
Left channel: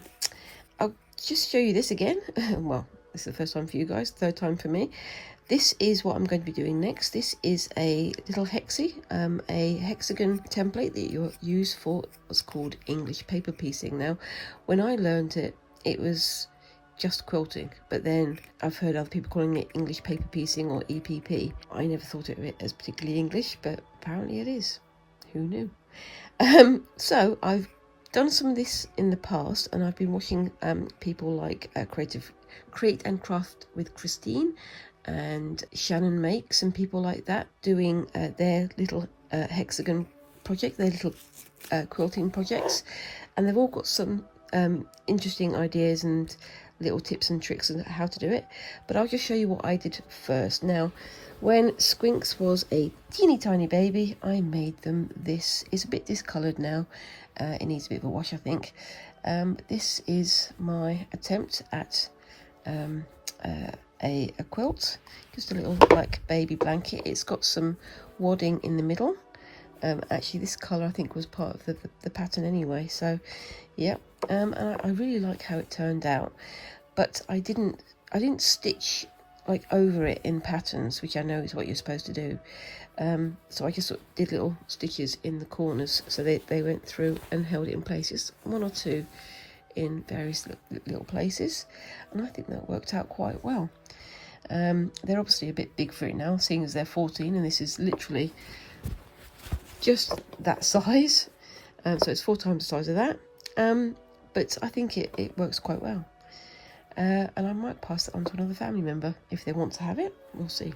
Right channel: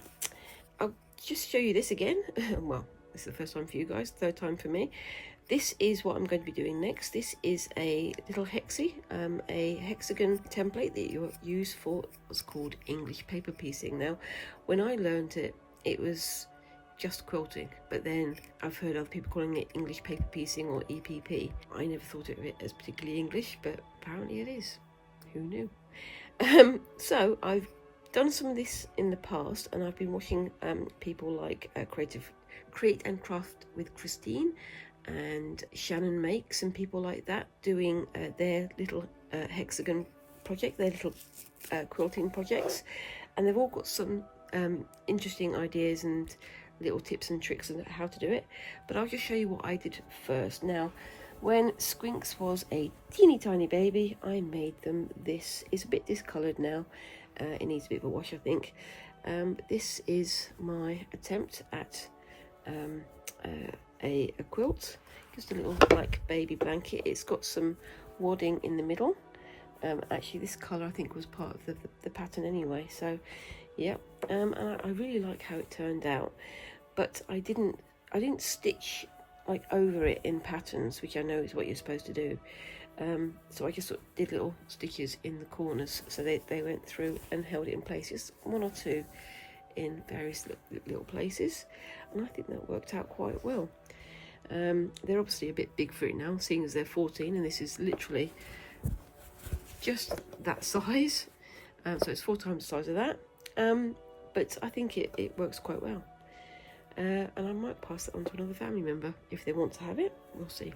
I'll just show you this again. Well, this is the first time for you guys, third time for me. This is what I'm going to be doing next. This is a little a hexagon template that you use for what's called English paper piecing. Now, when I learned it, it was just quilting, but then I've heard other people calling it English paper piecing or EPP. I never thought of it as particularly English, but apparently it is. Who knew? So I've done some of this in the past, and I've been watching people like Create and Craft with Christine and Shannon Makes and people like that doing their little hexagon project, their little quilting projects, and they've all got some interesting ideas and little tips and tricks on how to do it. But I'll just show you what I did first. Now, when Squinks was a teeny tiny baby, I made them. This is a bit discoloured now. It needs a bit of a wash, I think. But this is my attempt at a quilt, just a little like baby blanket. It's got some wadding in the middle. Actually this colour I think was part of the pattern anyway, so yeah. And I really like how it turned out, but I didn't stitch like over it in patterns, which I know is what you're supposed to do. So I just sort of did little stitches in the corners so they went through and held it in place, just 1 or 2 in various little places, and I think that worked out quite well. They're obviously a bit big for it now, seeing as they're 14, and this is literally just that size, so it's 4 times the size of that, but I think it works quite well, and I might pass it on to another family member if they want to have it. We'll see.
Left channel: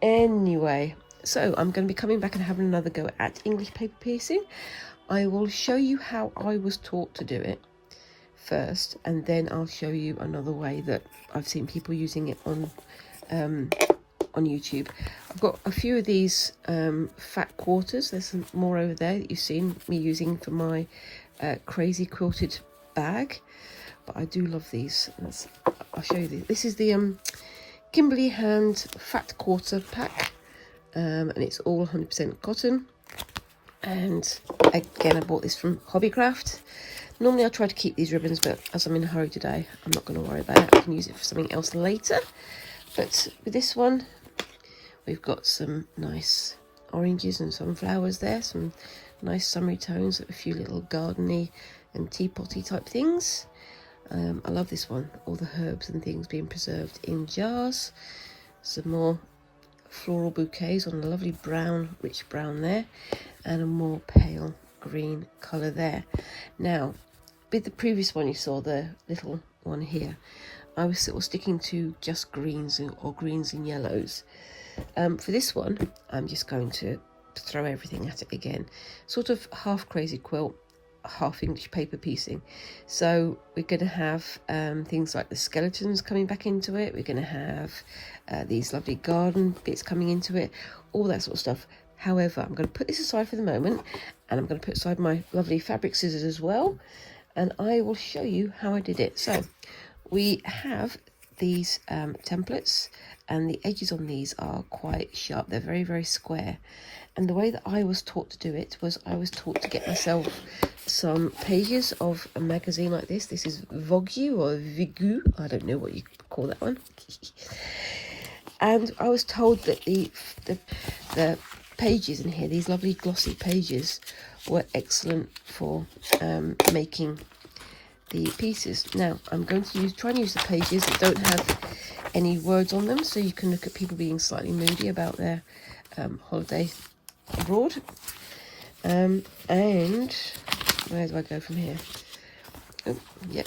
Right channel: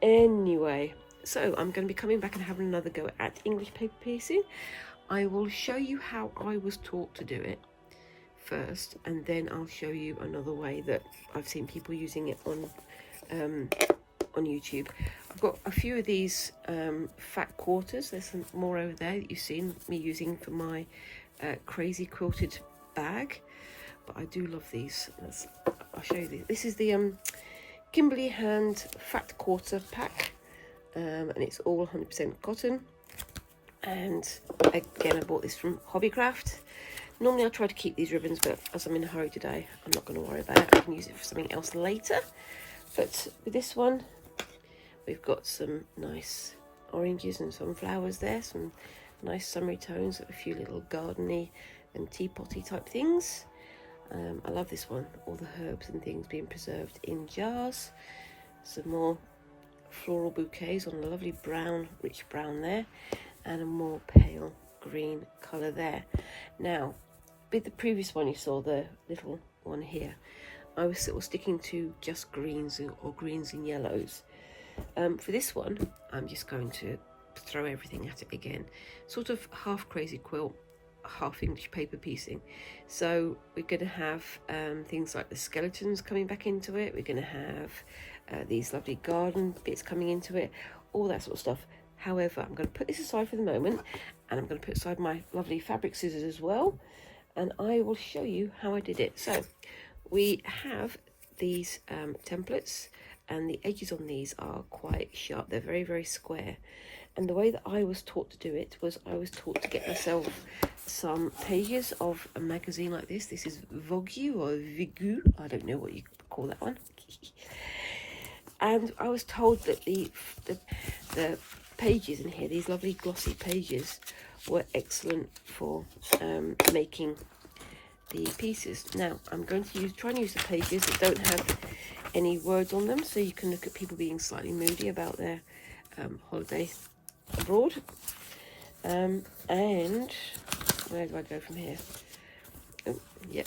Anyway, so I'm going to be coming back and having another go at English paper piecing. I will show you how I was taught to do it first, and then I'll show you another way that I've seen people using it on YouTube. I've got a few of these fat quarters. There's some more over there that you've seen me using for my crazy quilted bag, but I do love these. I'll show you these. This is the Kimberly Hand fat quarter pack, and it's all 100% cotton, and again I bought this from Hobbycraft. Normally I try to keep these ribbons, but as I'm in a hurry today, I'm not going to worry about it. I can use it for something else later. But with this one, we've got some nice oranges and some flowers there, some nice summery tones, a few little gardeny and teapotty type things. I love this one, all the herbs and things being preserved in jars. Some more floral bouquets on a lovely brown, rich brown there, and a more pale green colour there. Now, with the previous one you saw, the little one here, I was sort of sticking to just greens or greens and yellows. For this one, I'm just going to throw everything at it again. Sort of half crazy quilt, half English paper piecing. So we're going to have things like the skeletons coming back into it. We're going to have these lovely garden bits coming into it, all that sort of stuff. However, I'm going to put this aside for the moment, and I'm going to put aside my lovely fabric scissors as well, and I will show you how I did it. So we have these templates, and the edges on these are quite sharp. They're very, very square. And the way that I was taught to do it was I was taught to get myself some pages of a magazine like this. This is Vogue or Vigu, I don't know what you call that one. And I was told that the pages in here, these lovely glossy pages, were excellent for making the pieces. Now I'm going to try and use the pages that don't have any words on them, so you can look at people being slightly moody about their holiday abroad. And where do I go from here? Oh, yep,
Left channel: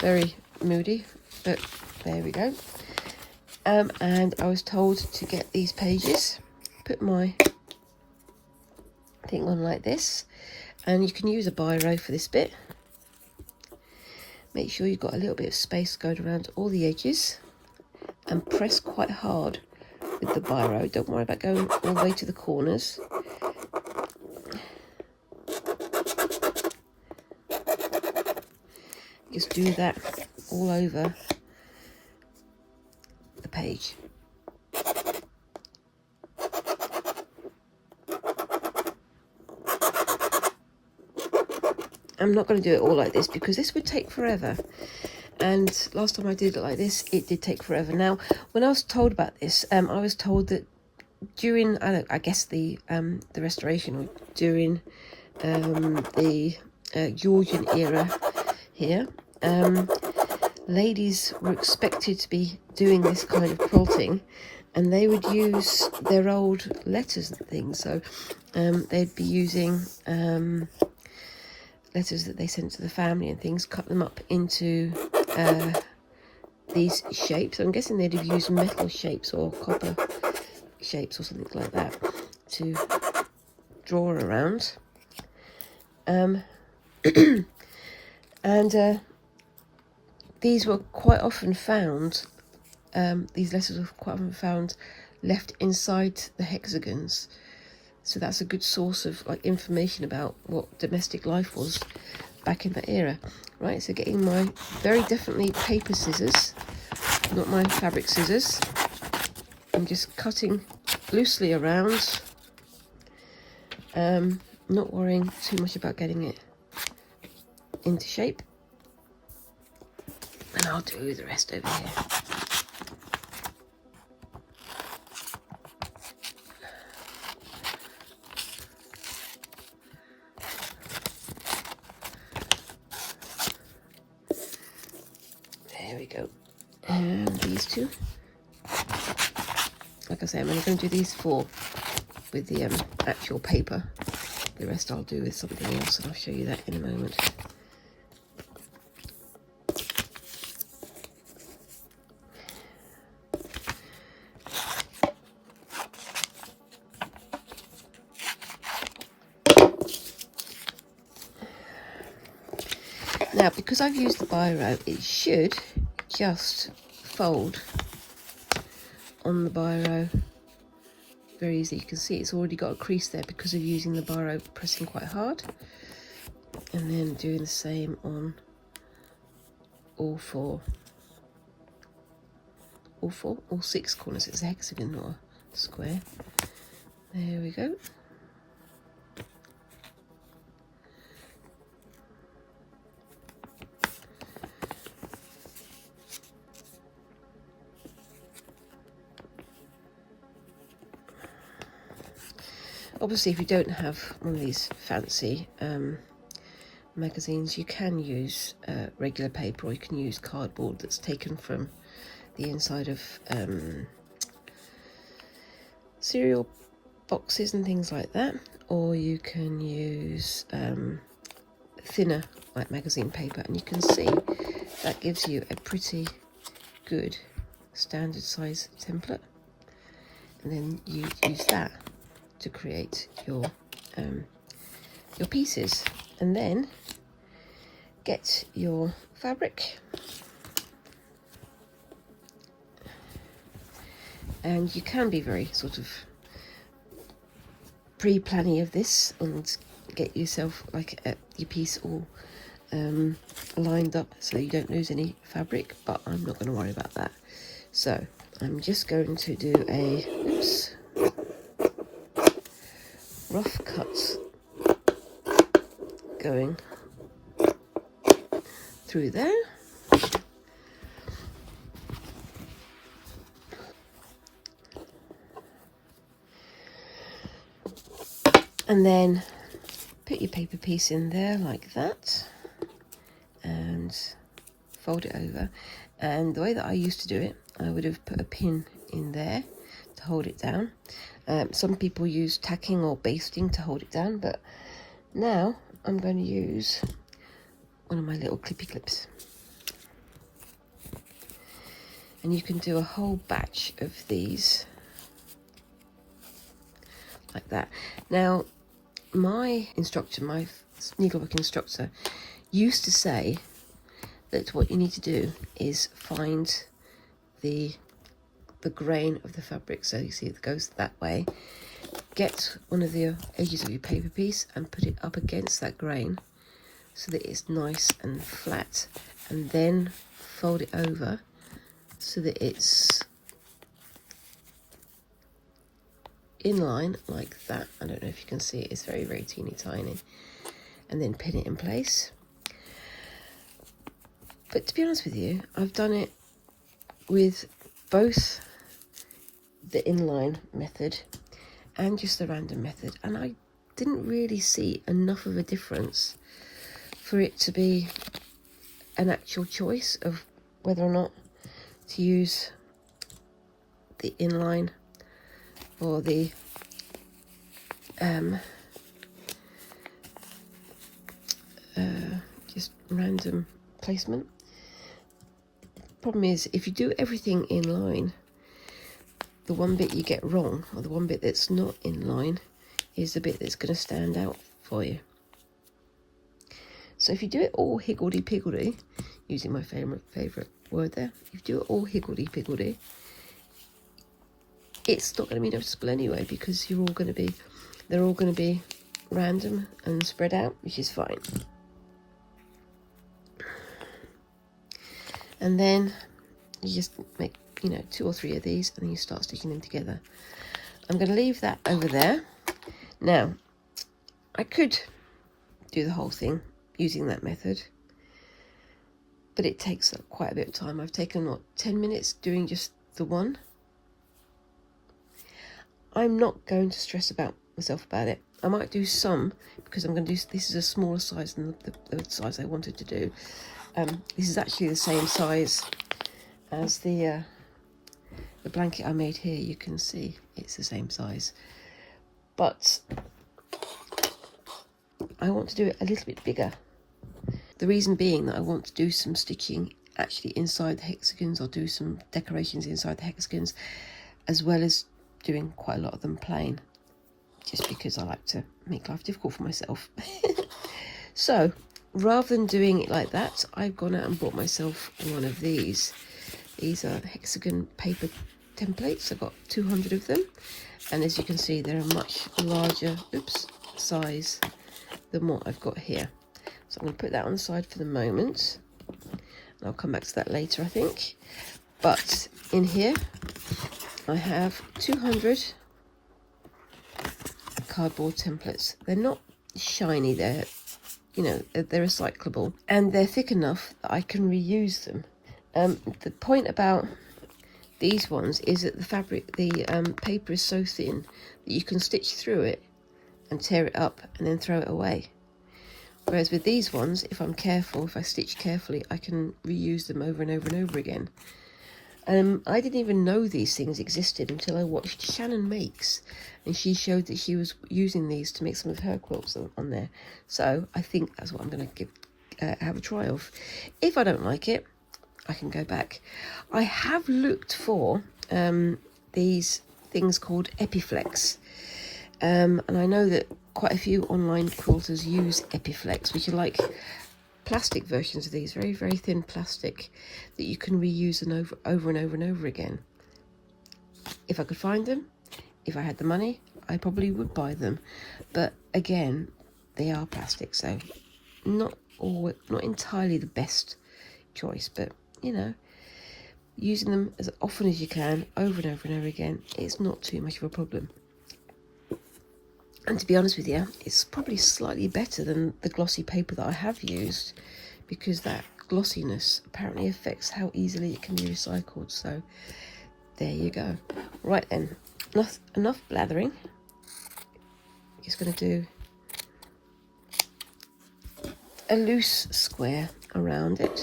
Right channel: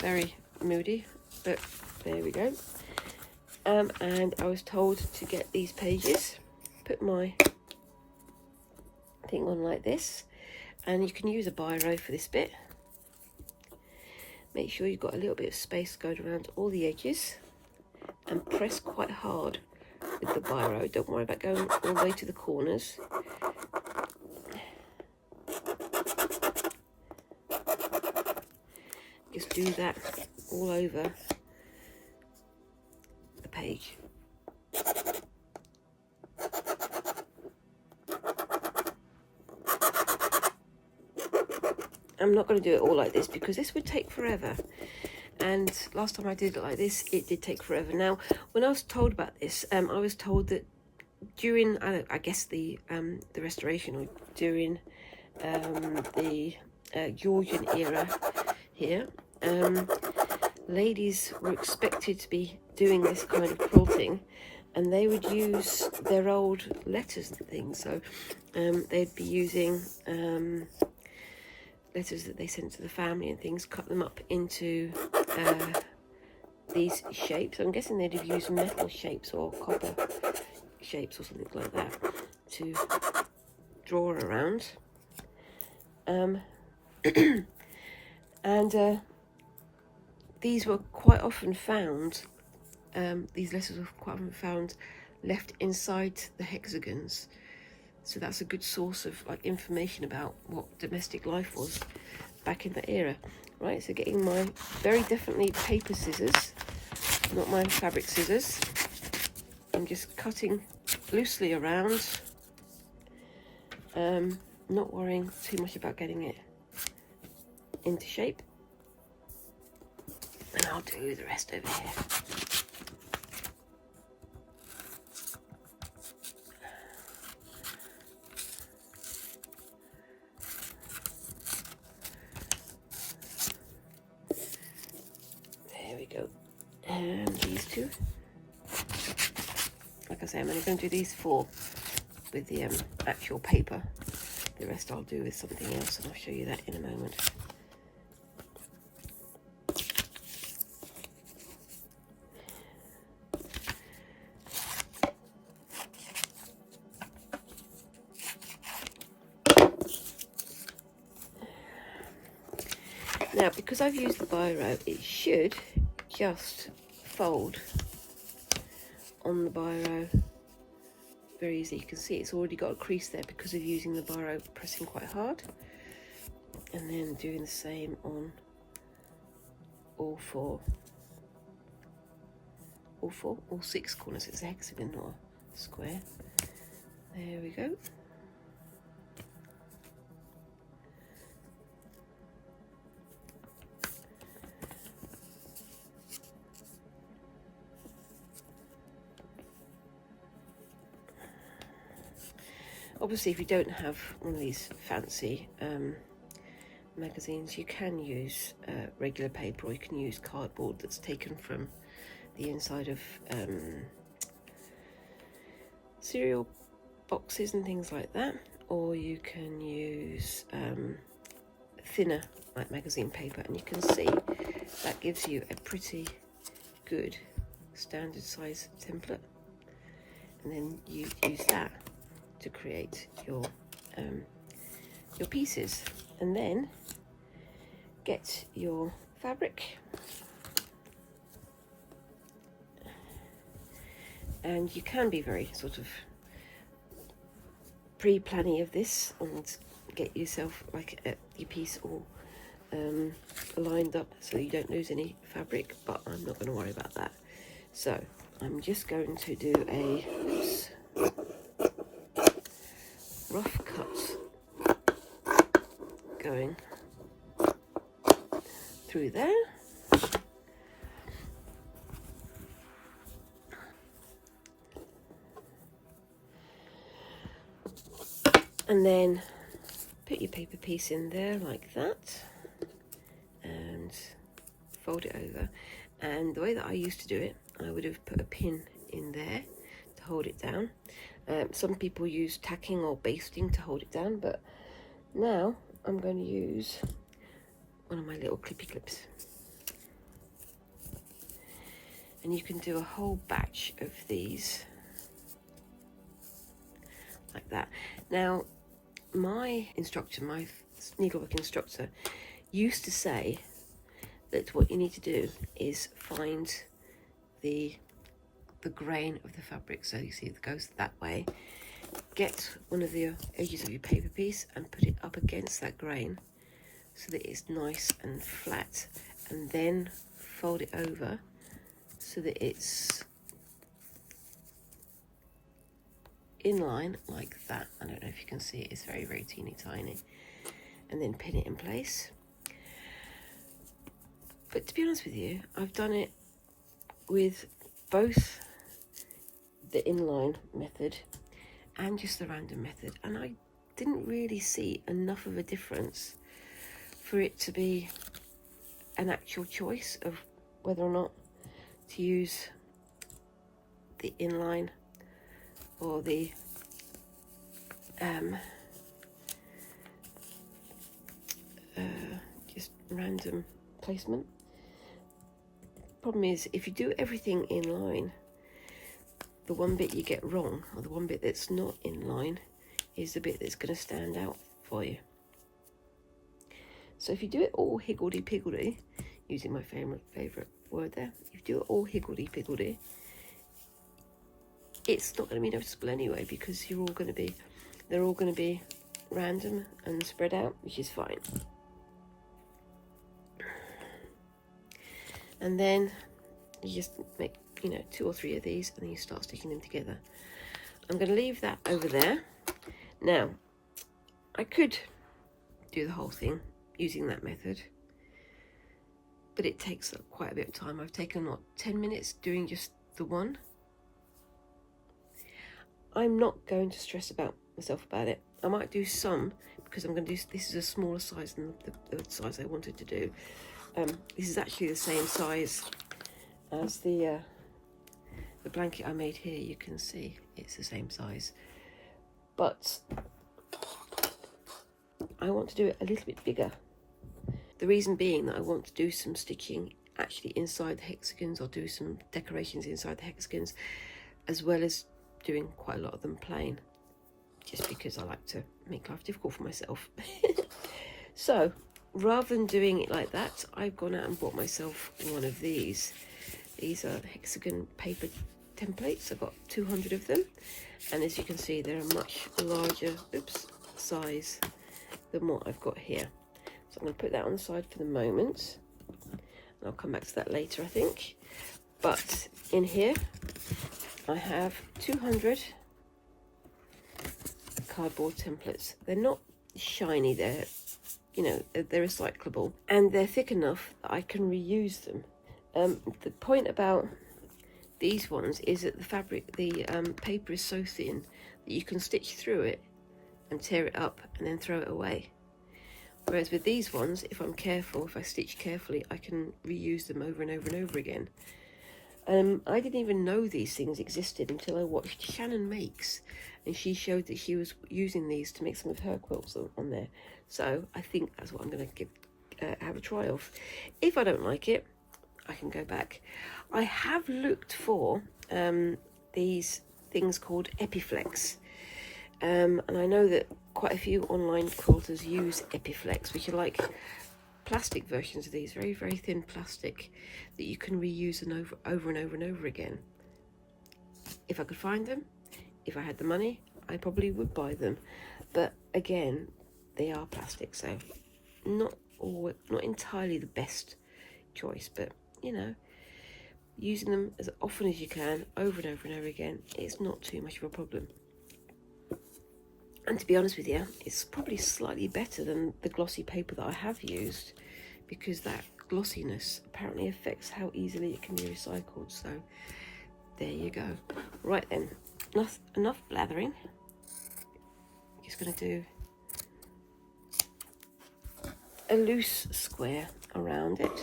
very moody, but there we go. And I was told to get these pages, put my thing on like this, and you can use a biro for this bit. Make sure you've got a little bit of space going around all the edges, and press quite hard with the biro. Don't worry about going all the way to the corners. Just do that all over the page. I'm not going to do it all like this because this would take forever, and last time I did it like this, it did take forever. Now, when I was told about this, I was told that during, I guess the restoration, during the Georgian era here, ladies were expected to be doing this kind of quilting, and they would use their old letters and things. So they'd be using letters that they sent to the family and things, cut them up into these shapes. I'm guessing they'd have used metal shapes or copper shapes or something like that to draw around. And these were quite often found, these letters were quite often found left inside the hexagons. So that's a good source of information about what domestic life was back in that era. Right, so getting my very definitely paper scissors, not my fabric scissors, and just cutting loosely around, not worrying too much about getting it into shape. And I'll do the rest over here. And these two, like I say, I'm only going to do these four with the actual paper. The rest I'll do with something else, and I'll show you that in a moment. Now, because I've used the biro, it should just fold on the biro very easily. You can see it's already got a crease there because of using the biro, pressing quite hard, and then doing the same on all six corners. It's a hexagon or a square. There we go. Obviously, if you don't have one of these fancy magazines, you can use regular paper, or you can use cardboard that's taken from the inside of cereal boxes and things like that, or you can use thinner like magazine paper, and you can see that gives you a pretty good standard size template, and then you use that to create your pieces. And then get your fabric, and you can be very sort of pre-planning of this and get yourself like your piece all lined up so you don't lose any fabric, but I'm not going to worry about that. So I'm just going to do a rough cut going through there. And then put your paper piece in there like that and fold it over. And the way that I used to do it, I would have put a pin in there to hold it down. Some people use tacking or basting to hold it down, but now I'm going to use one of my little clippy clips. And you can do a whole batch of these like that. Now, my instructor, my needlework instructor, used to say that what you need to do is find the grain of the fabric. So you see it goes that way. Get one of the edges of your paper piece and put it up against that grain so that it's nice and flat, and then fold it over so that it's in line like that. I don't know if you can see it, it's very, very teeny tiny. And then pin it in place. But to be honest with you, I've done it with both the inline method and just the random method, and I didn't really see enough of a difference for it to be an actual choice of whether or not to use the inline or the just random placement. Problem is, if you do everything in line, the one bit you get wrong, or the one bit that's not in line, is the bit that's going to stand out for you. So if you do it all higgledy-piggledy, using my favourite word there, if you do it all higgledy-piggledy, it's not going to be noticeable anyway, because they're all going to be random and spread out, which is fine. And then you just make, 2 or 3 of these, and then you start sticking them together. I'm going to leave that over there. Now, I could do the whole thing using that method, but it takes quite a bit of time. I've taken, 10 minutes doing just the one. I'm not going to stress myself about it. I might do some, because I'm going to do, this is a smaller size than the size I wanted to do. This is actually the same size as the blanket I made here. You can see it's the same size, but I want to do it a little bit bigger. The reason being that I want to do some stitching actually inside the hexagons. I'll do some decorations inside the hexagons, as well as doing quite a lot of them plain, just because I like to make life difficult for myself. So rather than doing it like that, I've gone out and bought myself one of these. These are hexagon paper templates. I've got 200 of them, and as you can see, they're a much larger size than what I've got here. So I'm going to put that on the side for the moment. I'll come back to that later, I think. But in here I have 200 cardboard templates. They're not shiny, they're recyclable, and they're thick enough that I can reuse them. The point about these ones is that the paper is so thin that you can stitch through it and tear it up and then throw it away. Whereas with these ones, if I'm careful, if I stitch carefully, I can reuse them over and over and over again. I didn't even know these things existed until I watched Shannon Makes, and she showed that she was using these to make some of her quilts on there. So I think that's what I'm going to have a try of. If I don't like it, I can go back. I have looked for these things called Epiflex, and I know that quite a few online quilters use Epiflex, which are like plastic versions of these, very, very thin plastic that you can reuse and over and over and over again. If I could find them, if I had the money, I probably would buy them. But again, they are plastic, so not entirely the best choice, but you know, using them as often as you can, over and over and over again, it's not too much of a problem. And to be honest with you, it's probably slightly better than the glossy paper that I have used, because that glossiness apparently affects how easily it can be recycled. So there you go. Right then, enough blathering. Just going to do a loose square around it.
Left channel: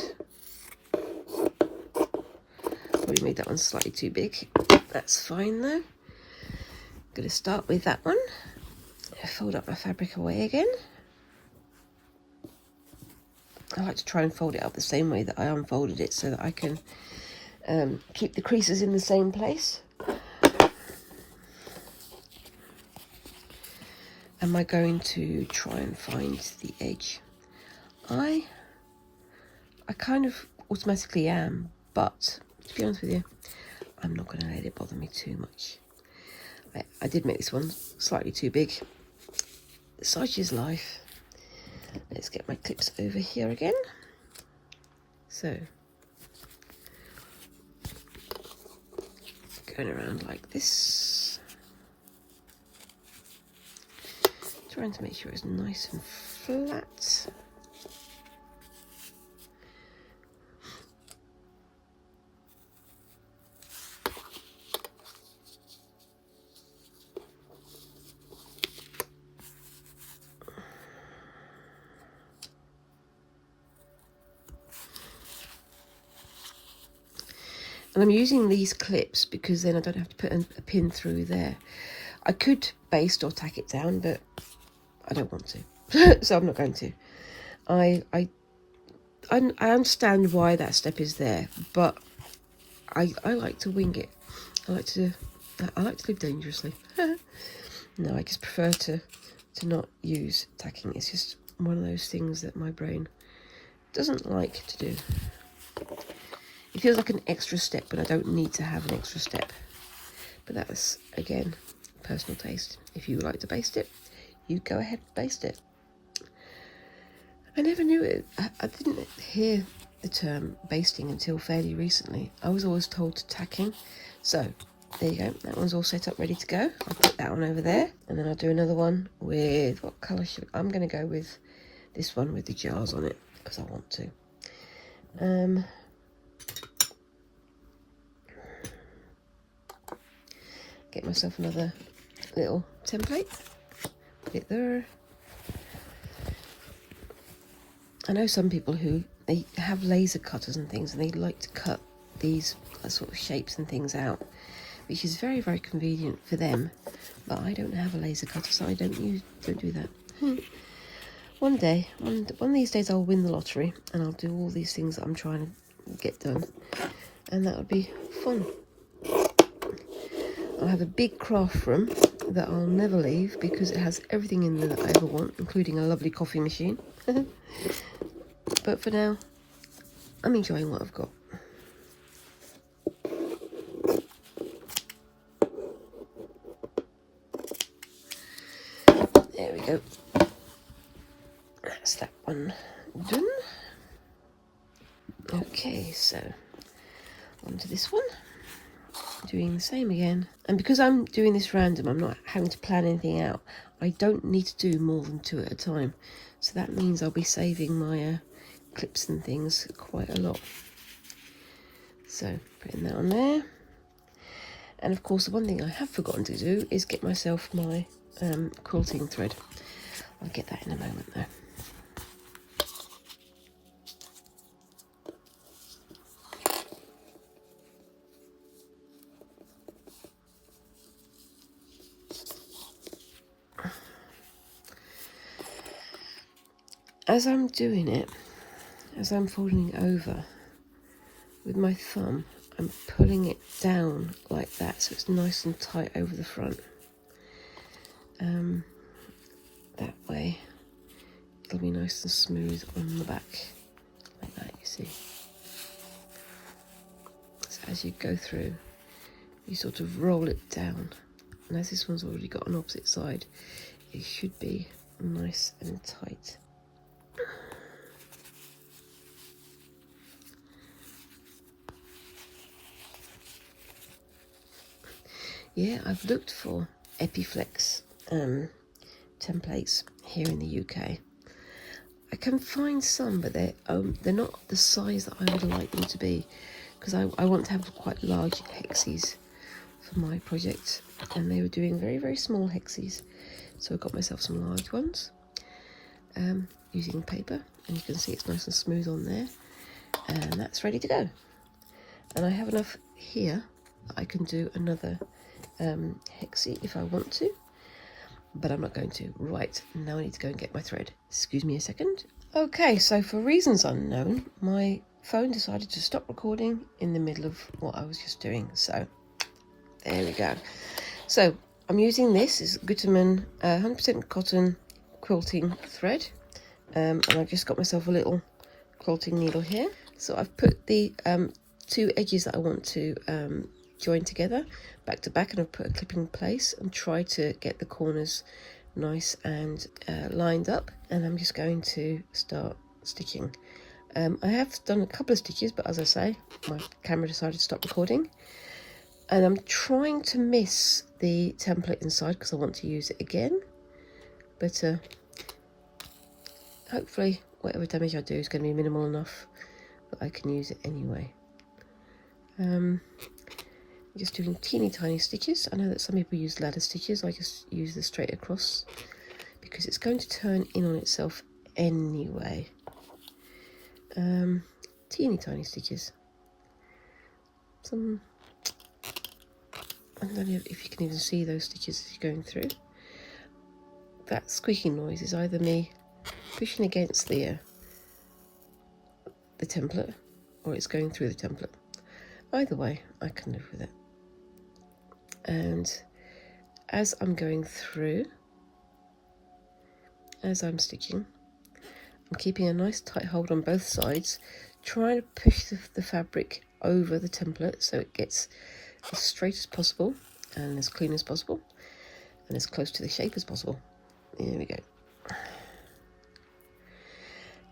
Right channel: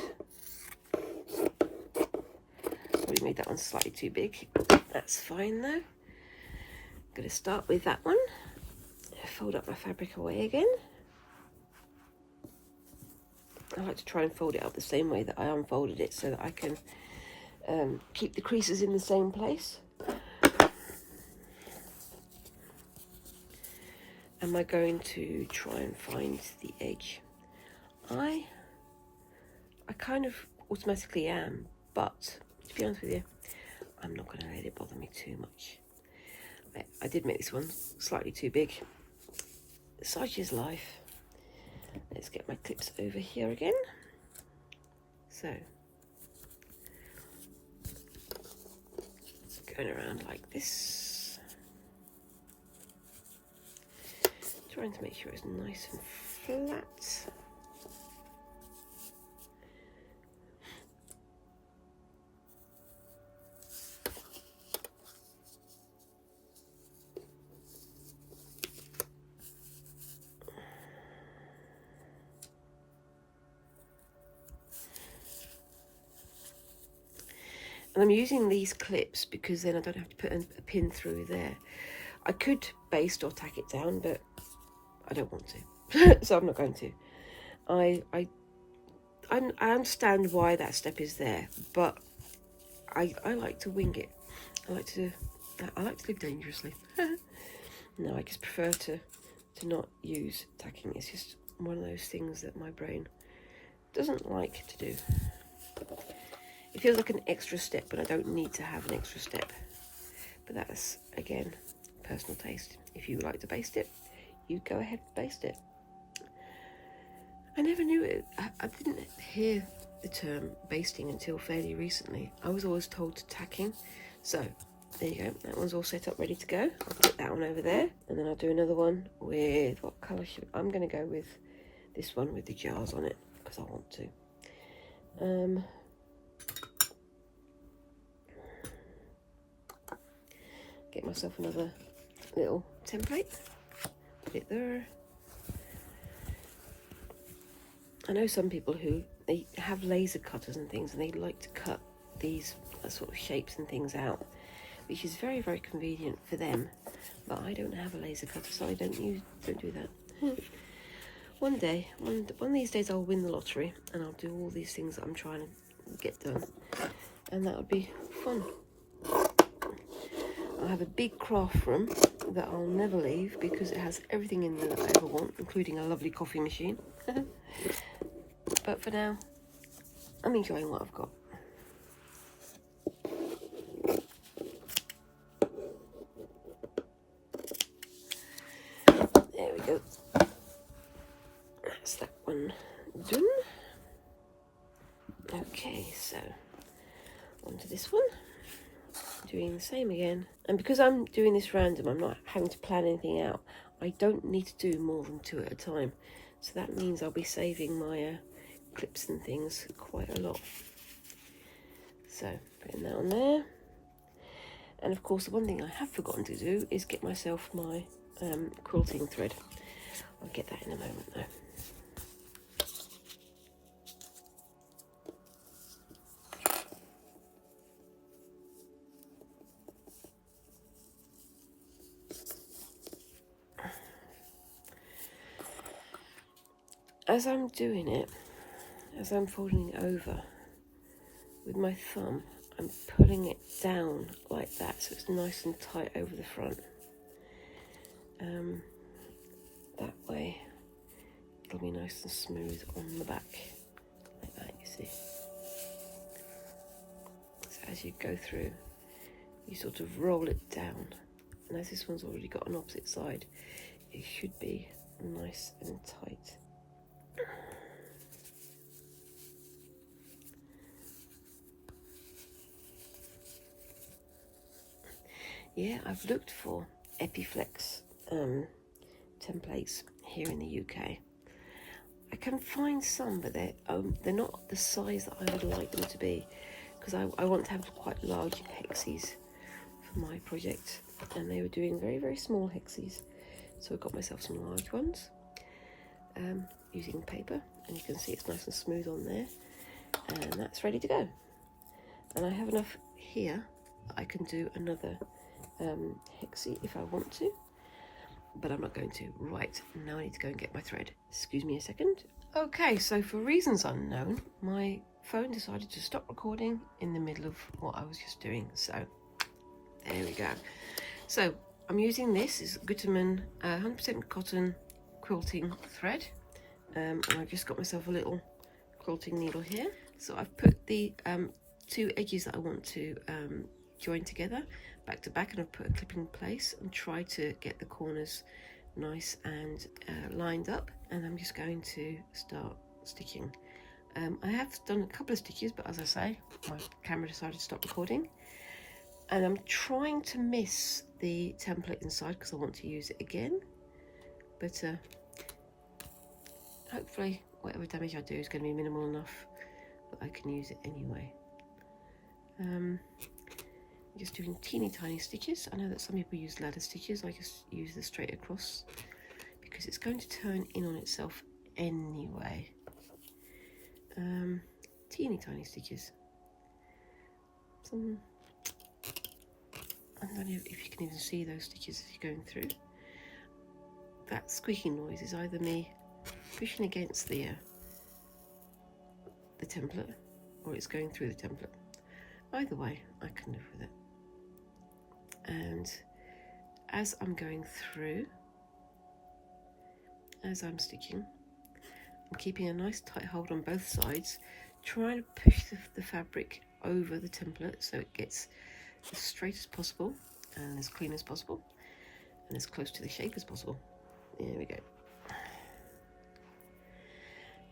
We made that one slightly too big. That's fine though. Going to start with that one. Fold up my fabric away again. I like to try and fold it up the same way that I unfolded it, so that I can keep the creases in the same place. Am I going to try and find the edge? I kind of automatically am, but to be honest with you, I'm not going to let it bother me too much. I did make this one slightly too big. Such is life. Let's get my clips over here again. So, going around like this. Trying to make sure it's nice and flat. And I'm using these clips because then I don't have to put a pin through there. I could baste or tack it down, but I don't want to, so I'm not going to. I understand why that step is there, but I like to wing it. I like to live dangerously. No, I just prefer to not use tacking. It's just one of those things that my brain doesn't like to do. It feels like an extra step when I don't need to have an extra step. But that's, again, personal taste. If you like to baste it, you go ahead and baste it. I never knew it. I didn't hear the term basting until fairly recently. I was always told to tacking. So, there you go. That one's all set up, ready to go. I'll put that one over there. And then I'll do another one with, what colour should I'm going to go with this one with the jars on it, because I want to. Get myself another little template, put it there. I know some people who they have laser cutters and things, and they like to cut these sort of shapes and things out, which is very, very convenient for them. But I don't have a laser cutter, so I don't do that. One of these days I'll win the lottery and I'll do all these things that I'm trying to get done, and that would be fun. I have a big craft room that I'll never leave because it has everything in there that I ever want, including a lovely coffee machine. But for now, I'm enjoying what I've got. There we go. That's that one done. Okay, so on to this one. Doing the same again, and because I'm doing this random, I'm not having to plan anything out. I don't need to do more than 2 at a time, so that means I'll be saving my clips and things quite a lot. So putting that on there, and of course the one thing I have forgotten to do is get myself my quilting thread. I'll get that in a moment though. as I'm doing it, as I'm folding it over, with my thumb, I'm pulling it down like that so it's nice and tight over the front. That way it'll be nice and smooth on the back, like that, you see. So as you go through, you sort of roll it down, and as this one's already got an opposite side, it should be nice and tight. Yeah, I've looked for Epiflex templates here in the UK. I can find some, but they're not the size that I would like them to be, because I want to have quite large hexes for my project, and they were doing very, very small hexes. So I got myself some large ones using paper, and you can see it's nice and smooth on there, and that's ready to go. And I have enough here that I can do another hexie if I want to, but I'm not going to. Right, now I need to go and get my thread. Excuse me a second. Okay, so for reasons unknown, my phone decided to stop recording in the middle of what I was just doing, so there we go. So I'm using this is Gutermann 100% cotton quilting thread, and I've just got myself a little quilting needle here. So I've put the two edges that I want to join together back to back, and I've put a clip in place and try to get the corners nice and lined up, and I'm just going to start stitching. I have done a couple of stitches, but as I say, my camera decided to stop recording, and I'm trying to miss the template inside because I want to use it again, but hopefully whatever damage I do is going to be minimal enough that I can use it anyway. Just doing teeny tiny stitches. I know that some people use ladder stitches. I just use the straight across because it's going to turn in on itself anyway. Teeny tiny stitches. Some, I don't know if you can even see those stitches as you're going through. That squeaking noise is either me pushing against the template, or it's going through the template. Either way, I can live with it. And as I'm going through, as I'm stitching, I'm keeping a nice tight hold on both sides, trying to push the fabric over the template so it gets as straight as possible and as clean as possible and as close to the shape as possible. There we go.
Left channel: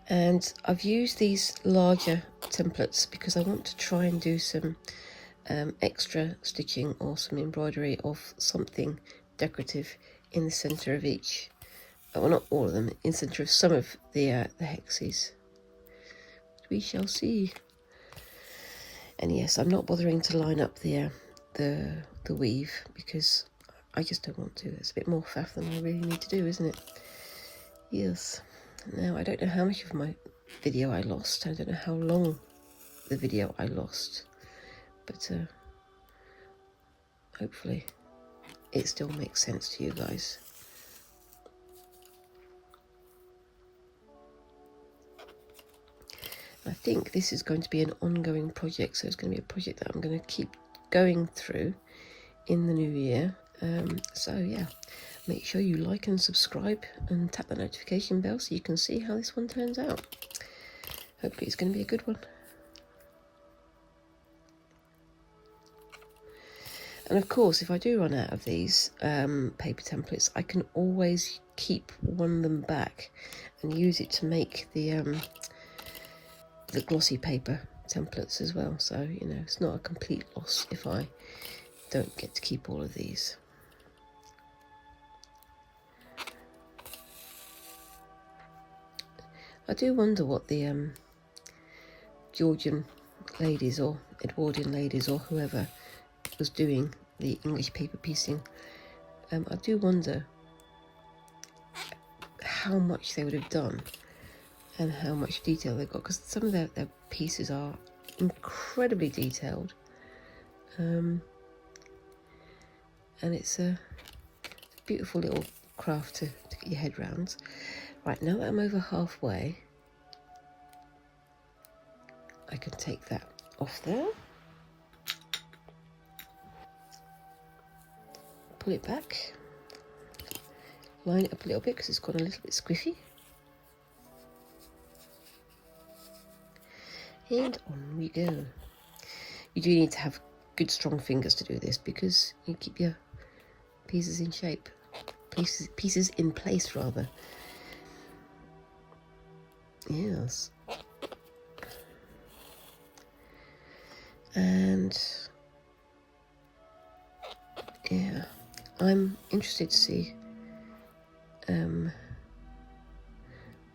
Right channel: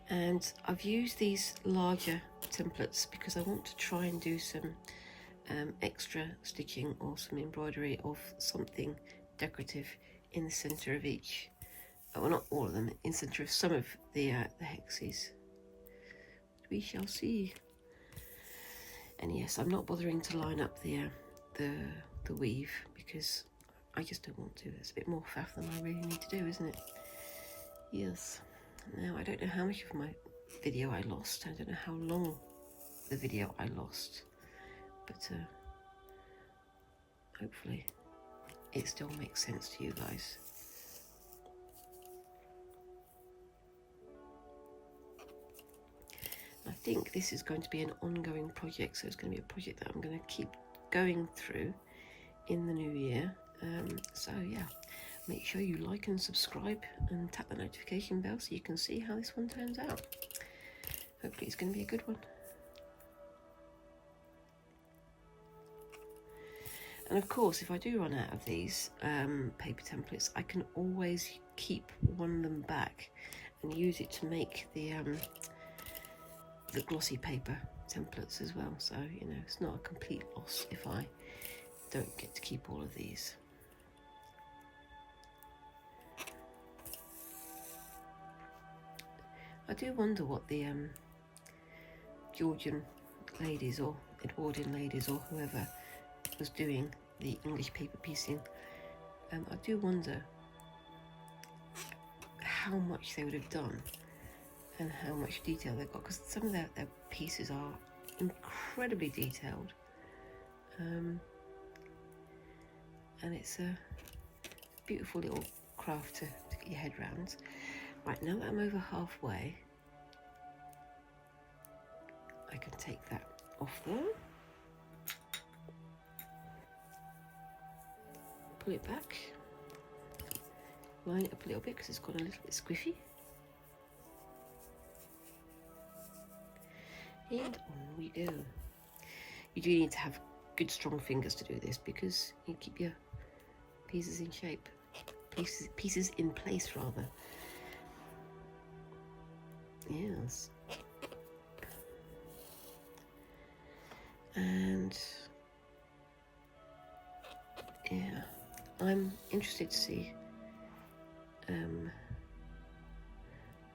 And I've used these larger templates because I want to try and do some extra stitching or some embroidery of something decorative in the centre of each, well, not all of them, in the centre of some of the hexes. We shall see. And yes, I'm not bothering to line up the weave because I just don't want to. It's a bit more faff than I really need to do, isn't it? Yes. Now, I don't know how much of my video I lost. I don't know how long the video I lost. But hopefully it still makes sense to you guys. I think this is going to be an ongoing project, so it's going to be a project that I'm going to keep going through in the new year. So yeah, make sure you like and subscribe and tap the notification bell so you can see how this one turns out. Hopefully it's going to be a good one. And of course, if I do run out of these paper templates, I can always keep one of them back and use it to make the glossy paper templates as well. So, you know, it's not a complete loss if I don't get to keep all of these. I do wonder what the Georgian ladies or Edwardian ladies or whoever was doing the English paper piecing, I do wonder how much they would have done and how much detail they've got, because some of their pieces are incredibly detailed, and it's a beautiful little craft to get your head round. Right, now that I'm over halfway, I can take that off there, pull it back, line it up a little bit because it's got a little bit squiffy, and on we go. You do need to have good strong fingers to do this because you keep your pieces in shape, pieces in place rather. Yes. And yeah, I'm interested to see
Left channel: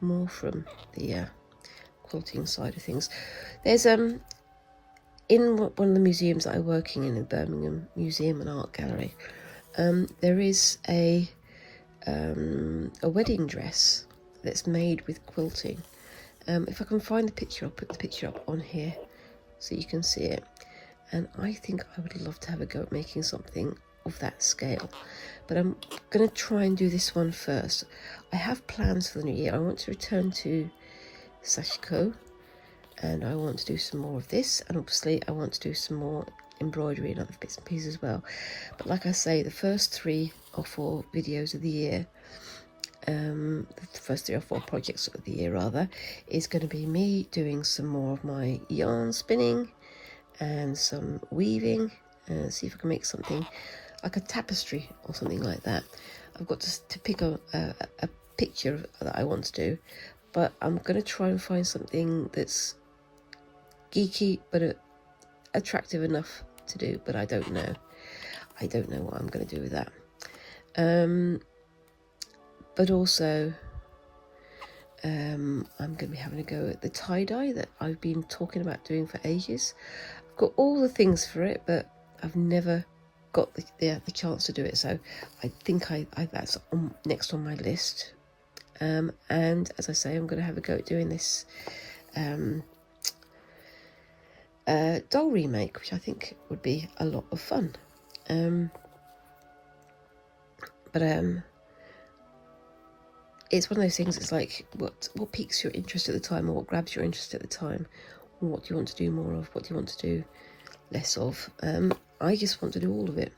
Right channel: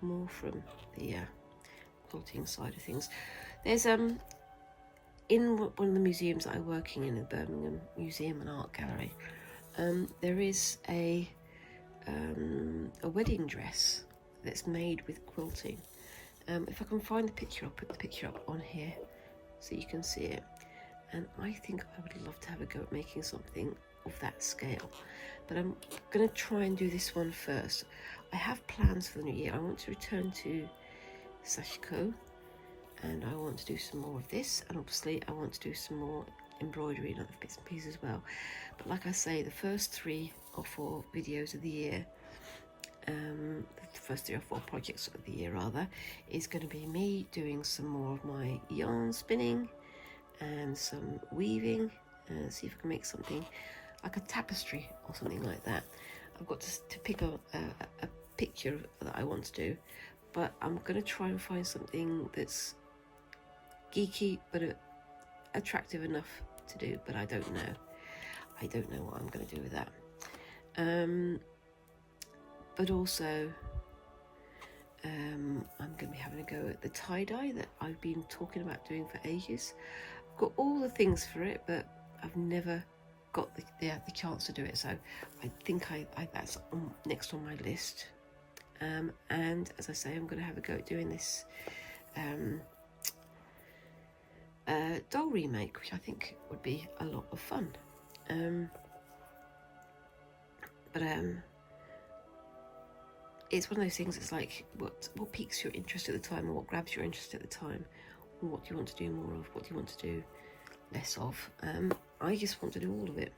more from the quilting side of things. There's in one of the museums that I'm working in Birmingham Museum and Art Gallery, there is a wedding dress that's made with quilting. If I can find the picture, I'll put the picture up on here so you can see it. And I think I would love to have a go at making something of that scale. But I'm going to try and do this one first. I have plans for the new year. I want to return to Sashiko, and I want to do some more of this. And obviously I want to do some more embroidery and other bits and pieces as well. But like I say, the first 3 or 4 videos of the year, the first 3 or 4 projects of the year rather, is going to be me doing some more of my yarn spinning and some weaving, and see if I can make something like a tapestry or something like that. I've got to pick a picture that I want to do, but I'm going to try and find something that's geeky but attractive enough to do, but I don't know what I'm going to do with that. But also I'm going to be having a go at the tie-dye that I've been talking about doing for ages. I've got all the things for it, but I've never got the chance to do it, so I think that's next on my list. And as I say, I'm going to have a go at doing this doll remake, which I think would be a lot of fun. But it's one of those things, it's like what piques your interest at the time, or what grabs your interest at the time, or what do you want to do more of, what do you want to do less of. I just want to do all of it,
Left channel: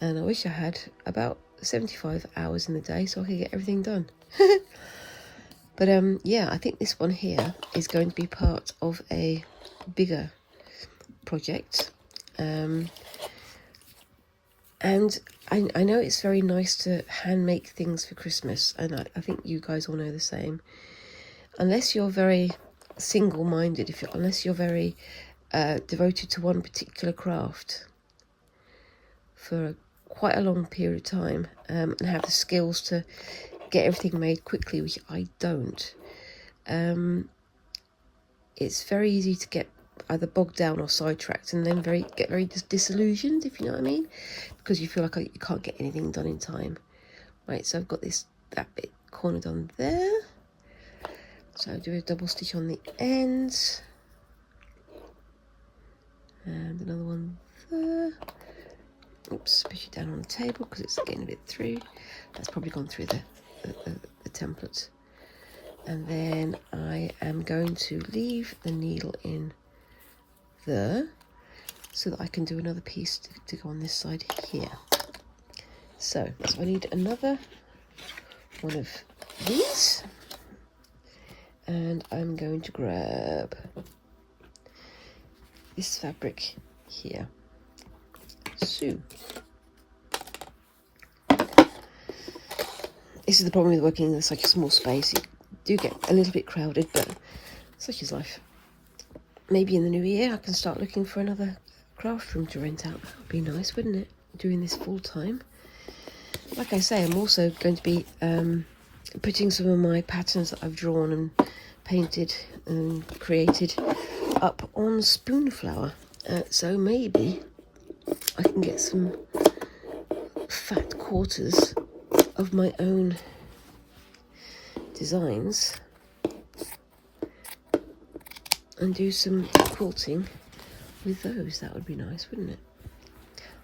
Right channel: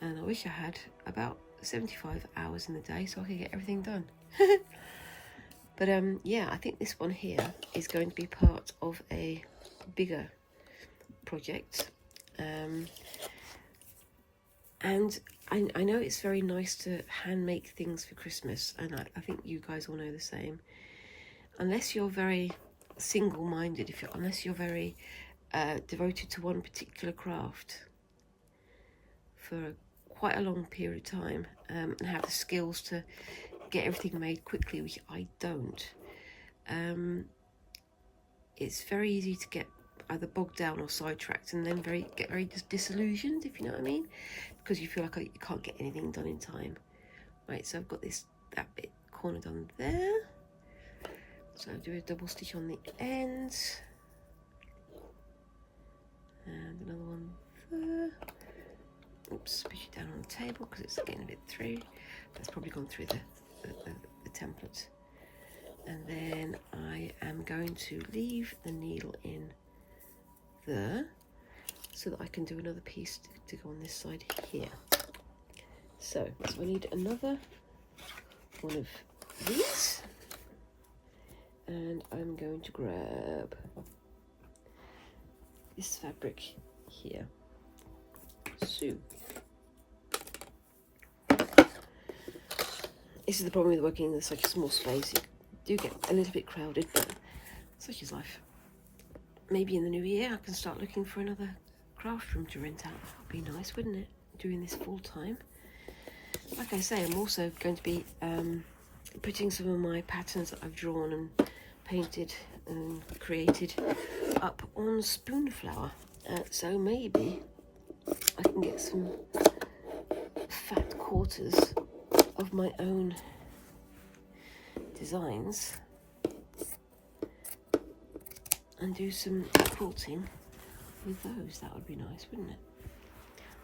and I wish I had about 75 hours in the day so I could get everything done. But yeah, I think this one here is going to be part of a bigger project, and I know it's very nice to hand make things for Christmas, and I think you guys all know the same. Unless you're very single-minded, unless you're very devoted to one particular craft for quite a long period of time, and have the skills to get everything made quickly, which I don't, it's very easy to get either bogged down or sidetracked, and then get very disillusioned, if you know what I mean, because you feel like you can't get anything done in time. Right, so I've got that bit cornered on there, so I'll do a double stitch on the ends, and another one there. Oops, push it down on the table because it's getting a bit through. That's probably gone through the template. And then I am going to leave the needle in there so that I can do another piece to go on this side here. So I need another one of these, and I'm going to grab this fabric here. So this is the problem with working in such a small space. You do get a little bit crowded, but such is life. Maybe in the new year I can start looking for another craft room to rent out. That would be nice, wouldn't it? Doing this full time. Like I say, I'm also going to be putting some of my patterns that I've drawn and painted and created up on spoon flour. So maybe I can get some fat quarters of my own designs and do some quilting with those. That would be nice, wouldn't it?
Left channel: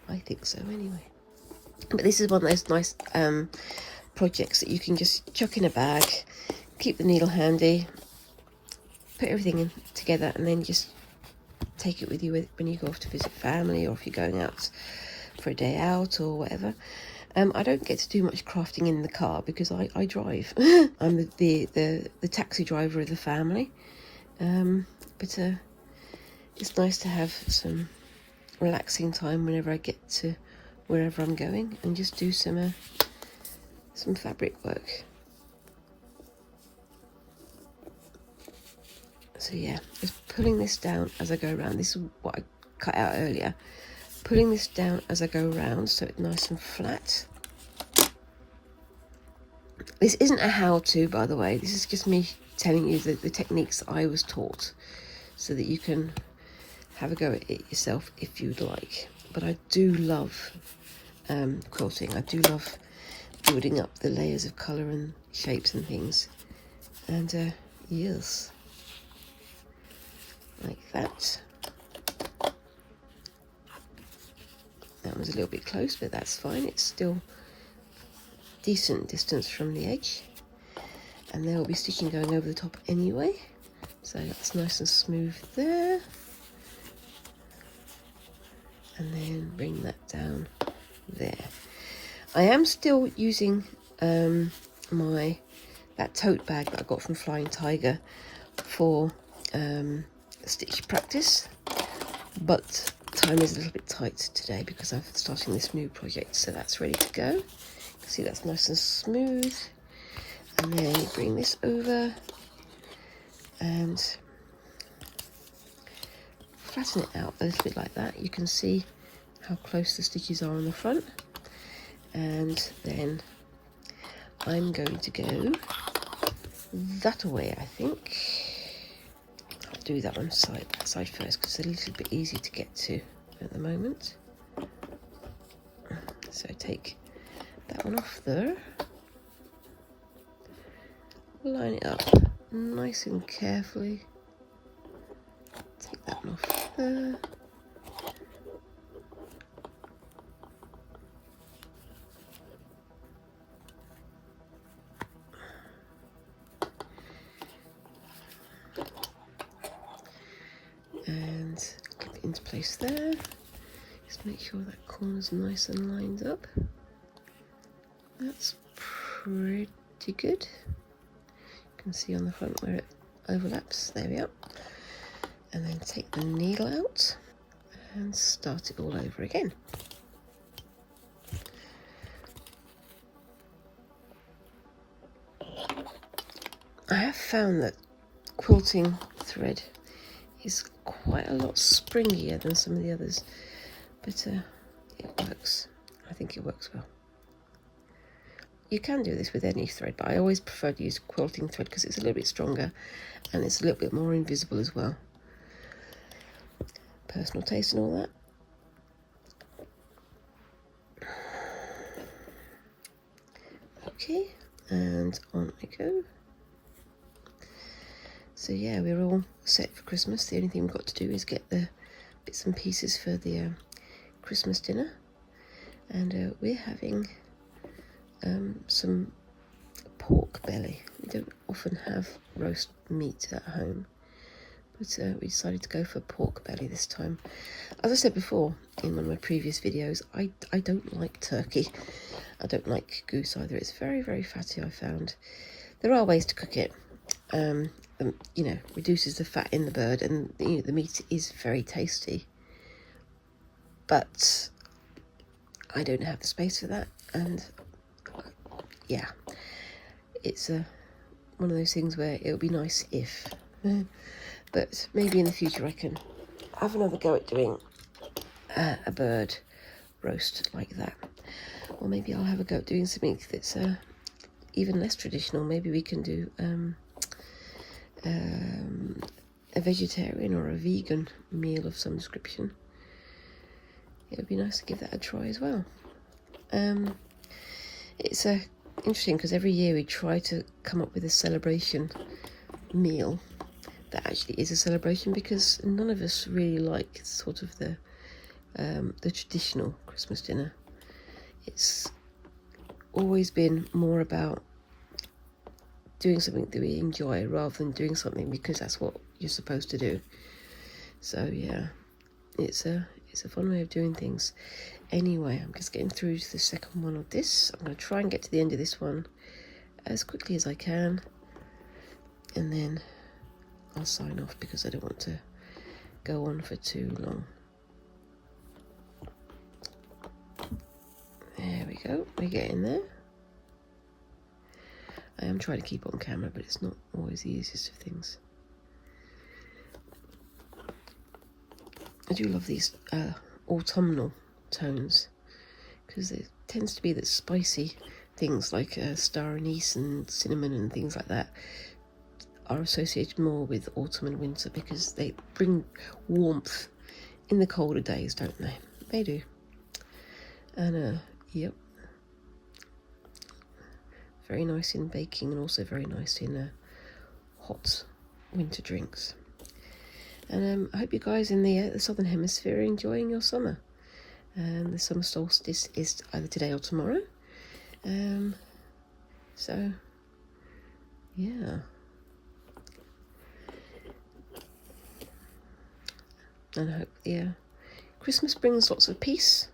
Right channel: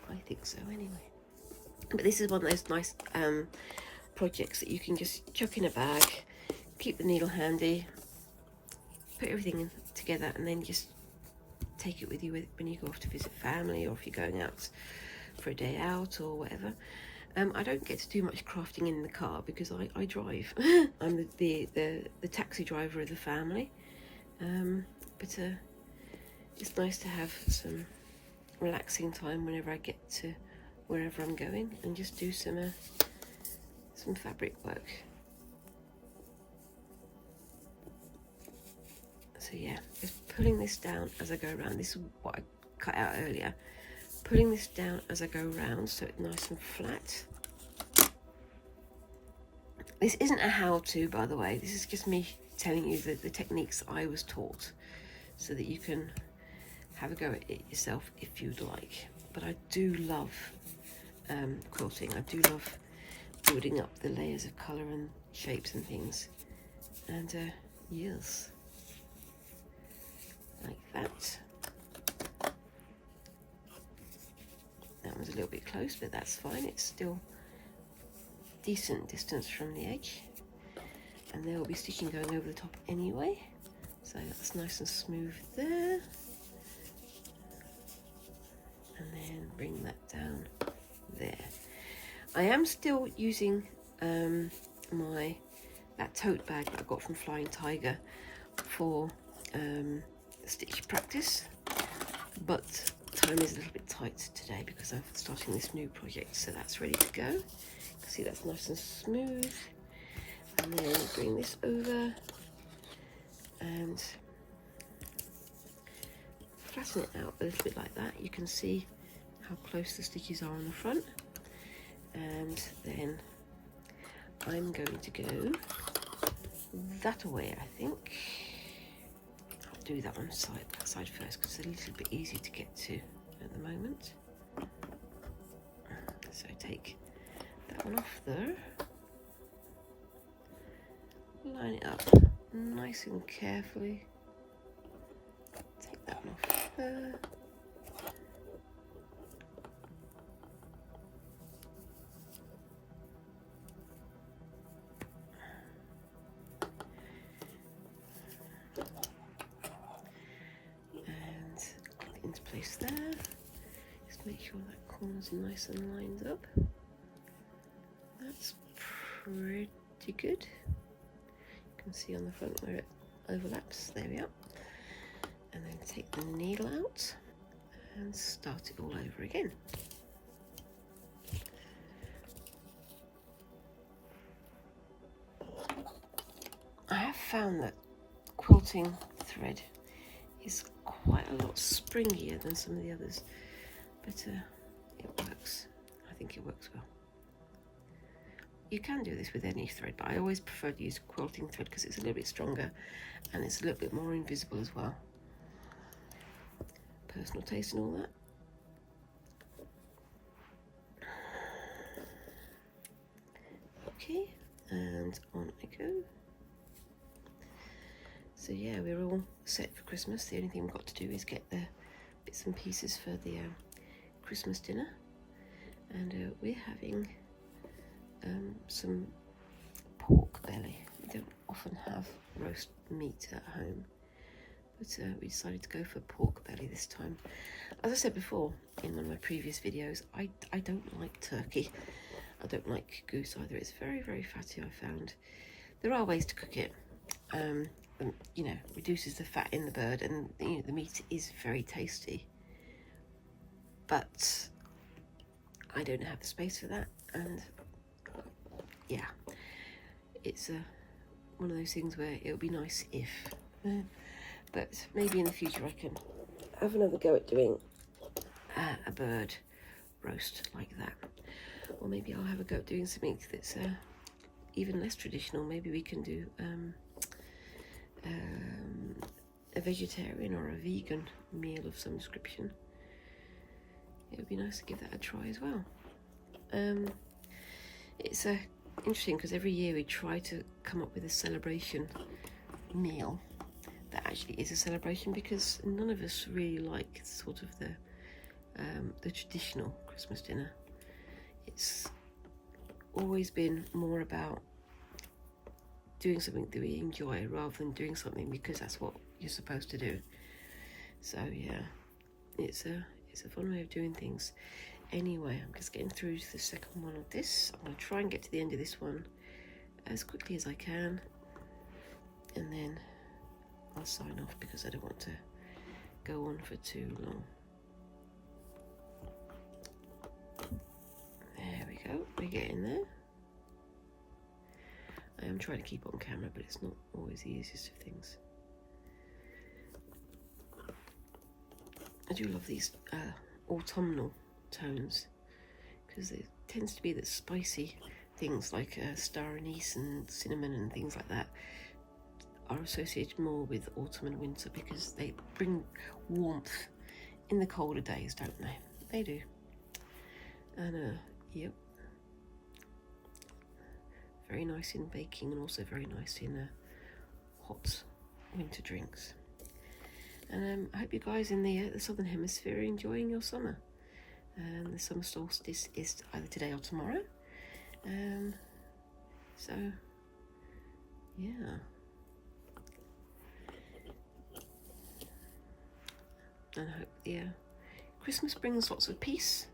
I think so anyway. But this is one of those nice projects that you can just chuck in a bag, keep the needle handy, put everything in together, and then just take it with you when you go off to visit family, or if you're going out for a day out or whatever. I don't get to do much crafting in the car because I drive. I'm the taxi driver of the family. But it's nice to have some relaxing time whenever I get to wherever I'm going and just do some fabric work. So yeah, just pulling this down as I go around. This is what I cut out earlier. Pulling this down as I go around so it's nice and flat. This isn't a how-to, by the way. This is just me telling you the techniques I was taught so that you can have a go at it yourself if you'd like. But I do love quilting. I do love building up the layers of colour and shapes and things. And yes, like that. That was a little bit close, but that's fine. It's still decent distance from the edge. And there will be stitching going over the top anyway. So that's nice and smooth there. And then bring that down there. I am still using that tote bag that I got from Flying Tiger for stitch practice, but time is a little bit tight today because I'm starting this new project, so that's ready to go. You can see that's nice and smooth. And then bring this over and flatten it out a little bit like that. You can see how close the stitches are on the front. And then I'm going to go that way, I think. I'll do that one side first because it's a little bit easier to get to at the moment. So take that one off there. Line it up nice and carefully. Take that one off there. And clip it into place there. Just make sure that corner's nice and lined up. That's pretty good. You can see on the front where it overlaps. There we are. And then take the needle out and start it all over again. I have found that quilting thread is quite a lot springier than some of the others, but it works. I think it works well. You can do this with any thread, but I always prefer to use quilting thread because it's a little bit stronger and it's a little bit more invisible as well. Personal taste and all that. Okay, and on I go. So yeah, we're all set for Christmas. The only thing we've got to do is get the bits and pieces for the Christmas dinner. And we're having some pork belly. We don't often have roast meat at home, but we decided to go for pork belly this time. As I said before in one of my previous videos, I don't like turkey. I don't like goose either. It's very, very fatty, I found. There are ways to cook it. You know, reduces the fat in the bird, and you know, the meat is very tasty. But I don't have the space for that, and yeah, it's one of those things where it'll be nice if, but maybe in the future I can have another go at doing a bird roast like that, or maybe I'll have a go at doing something that's even less traditional. Maybe we can do a vegetarian or a vegan meal of some description. It would be nice to give that a try as well. It's interesting because every year we try to come up with a celebration meal that actually is a celebration, because none of us really like sort of the traditional Christmas dinner. It's always been more about doing something that we enjoy rather than doing something because that's what you're supposed to do. So yeah, it's a fun way of doing things. Anyway, I'm just getting through to the second one of this. I'm going to try and get to the end of this one as quickly as I can, and then I'll sign off because I don't want to go on for too long. There we go, we're getting there. I am trying to keep on camera, but it's not always the easiest of things. I do love these autumnal tones because it tends to be that spicy things like star anise and cinnamon and things like that are associated more with autumn and winter because they bring warmth in the colder days, don't they? They do. And yep, very nice in baking and also very nice in hot winter drinks. And I hope you guys in the southern hemisphere are enjoying your summer. The summer solstice is either today or tomorrow. So yeah, and I hope Christmas brings lots of peace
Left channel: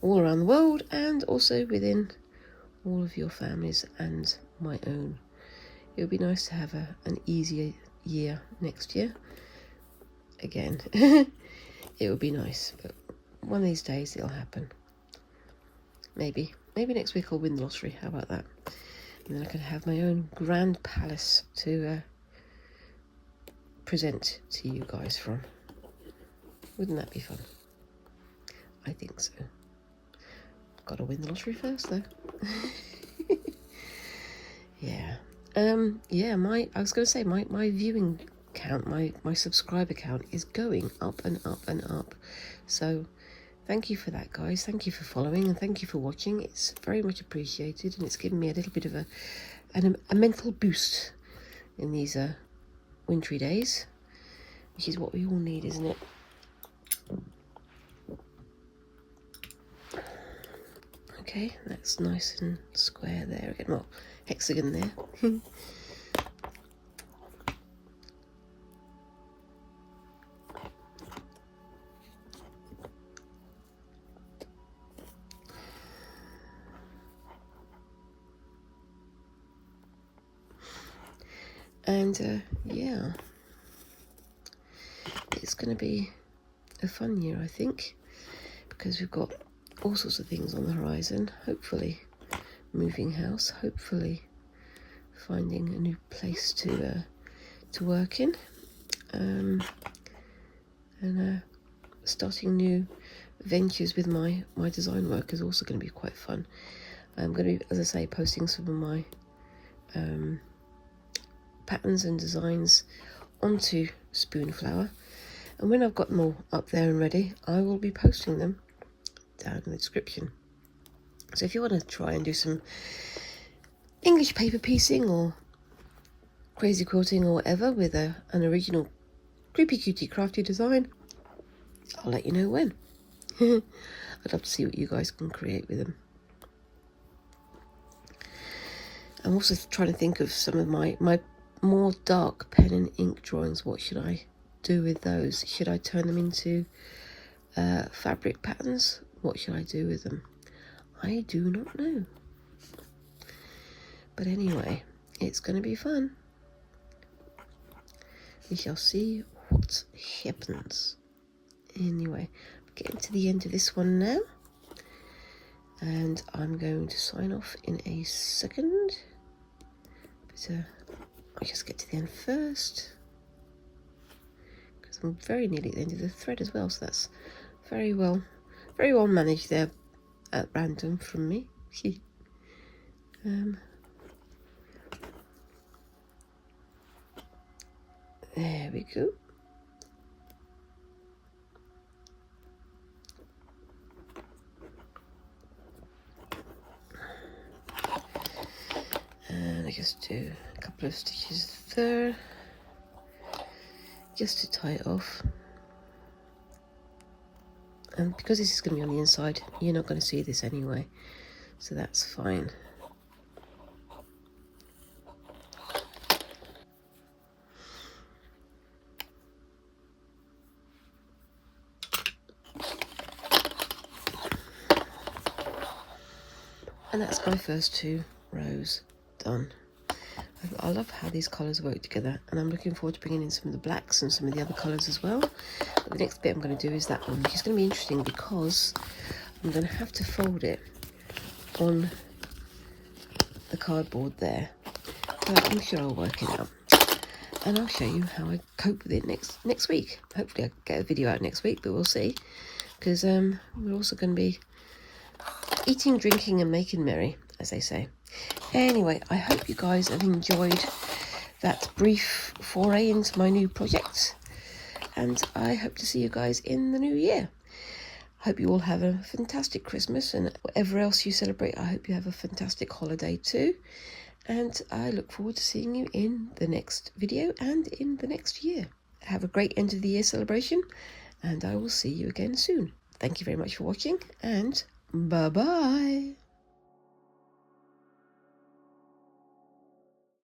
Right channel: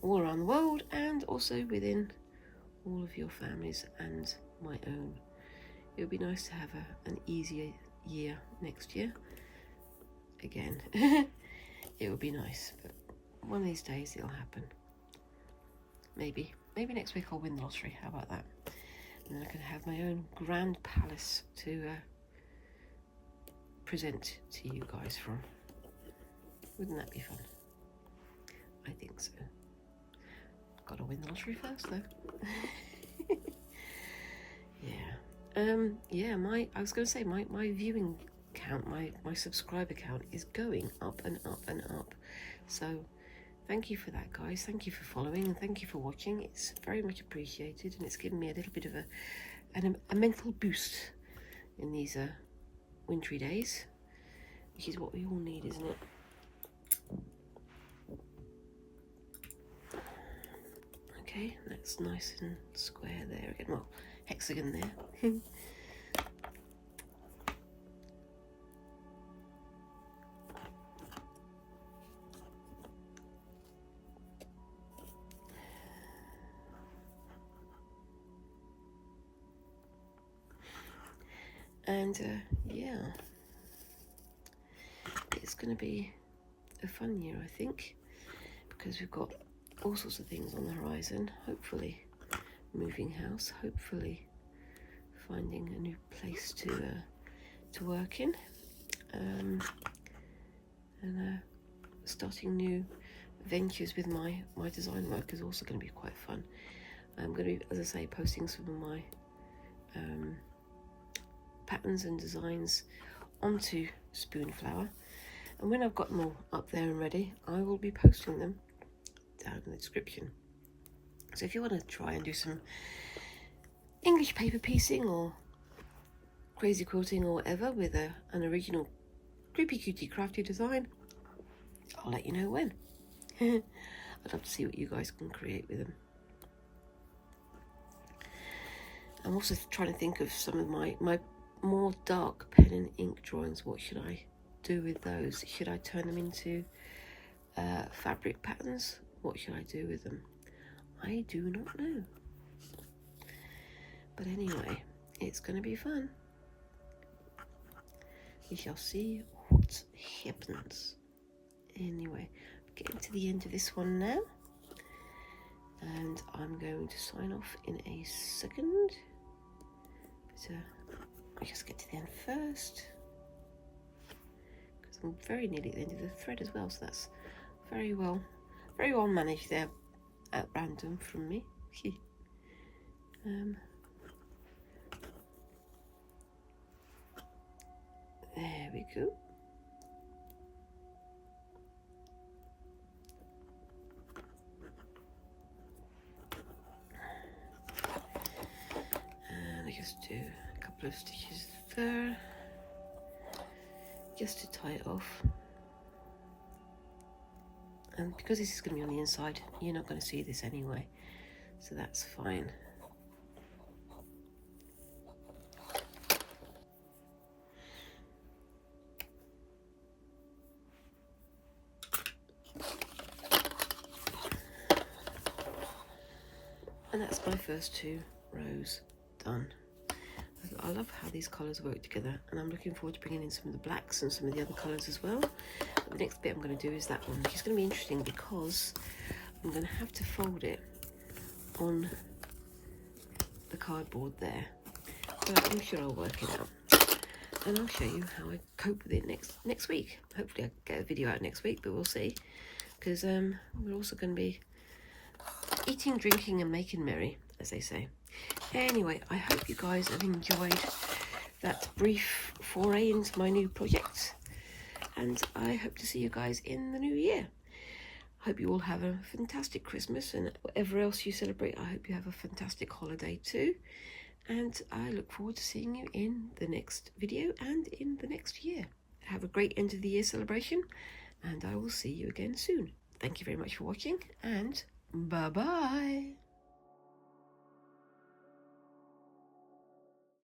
all around the world and also within all of your families and my own. It would be nice to have an easier year next year. Again, it would be nice, but one of these days it'll happen. Maybe next week I'll win the lottery. How about that? And then I can have my own grand palace to present to you guys from. Wouldn't that be fun? I think so. Got to win the lottery first, though. Yeah. Yeah. I was going to say my viewing count, my subscriber count is going up and up and up. So thank you for that, guys. Thank you for following and thank you for watching. It's very much appreciated, and it's given me a little bit of a mental boost in these wintry days, which is what we all need, isn't it? Okay, that's nice and square there again. Well, hexagon there. And yeah, it's going to be a fun year, I think, because we've got all sorts of things on the horizon. Hopefully moving house, hopefully finding a new place to work in, and starting new ventures with my design work is also going to be quite fun. I'm going to be, as I say, posting some of my patterns and designs onto Spoonflower, and when I've got them all up there and ready, I will be posting them down in the description. So if you want to try and do some English paper piecing or crazy quilting or whatever with an original creepy cutie crafty design, I'll let you know when. I'd love to see what you guys can create with them. I'm also trying to think of some of my more dark pen and ink drawings. What should I do with those? Should I turn them into fabric patterns? What should I do with them? I do not know. But anyway, it's going to be fun. We shall see what happens. Anyway, getting to the end of this one now. And I'm going to sign off in a second. But I'll just get to the end first, because I'm very nearly at the end of the thread as well, so that's very well managed there at random from me. There we go. And I just do a couple of stitches there just to tie it off. And because this is going to be on the inside, you're not going to see this anyway, so that's fine. And that's my first 2 rows done. I love how these colours work together, and I'm looking forward to bringing in some of the blacks and some of the other colours as well. But the next bit I'm going to do is that one, which is going to be interesting because I'm going to have to fold it on the cardboard there. But I'm sure I'll work it out, and I'll show you how I cope with it next week. Hopefully I'll get a video out next week, but we'll see, because we're also going to be eating, drinking and making merry, as they say. Anyway, I hope you guys have enjoyed that brief foray into my new project, and I hope to see you guys in the new year. Hope you all have a fantastic Christmas, and whatever else you celebrate, I hope you have a fantastic holiday too. And I look forward to seeing you in the next video and in the next year. Have a great end of the year celebration, and I will see you again soon. Thank you very much for watching, and bye-bye.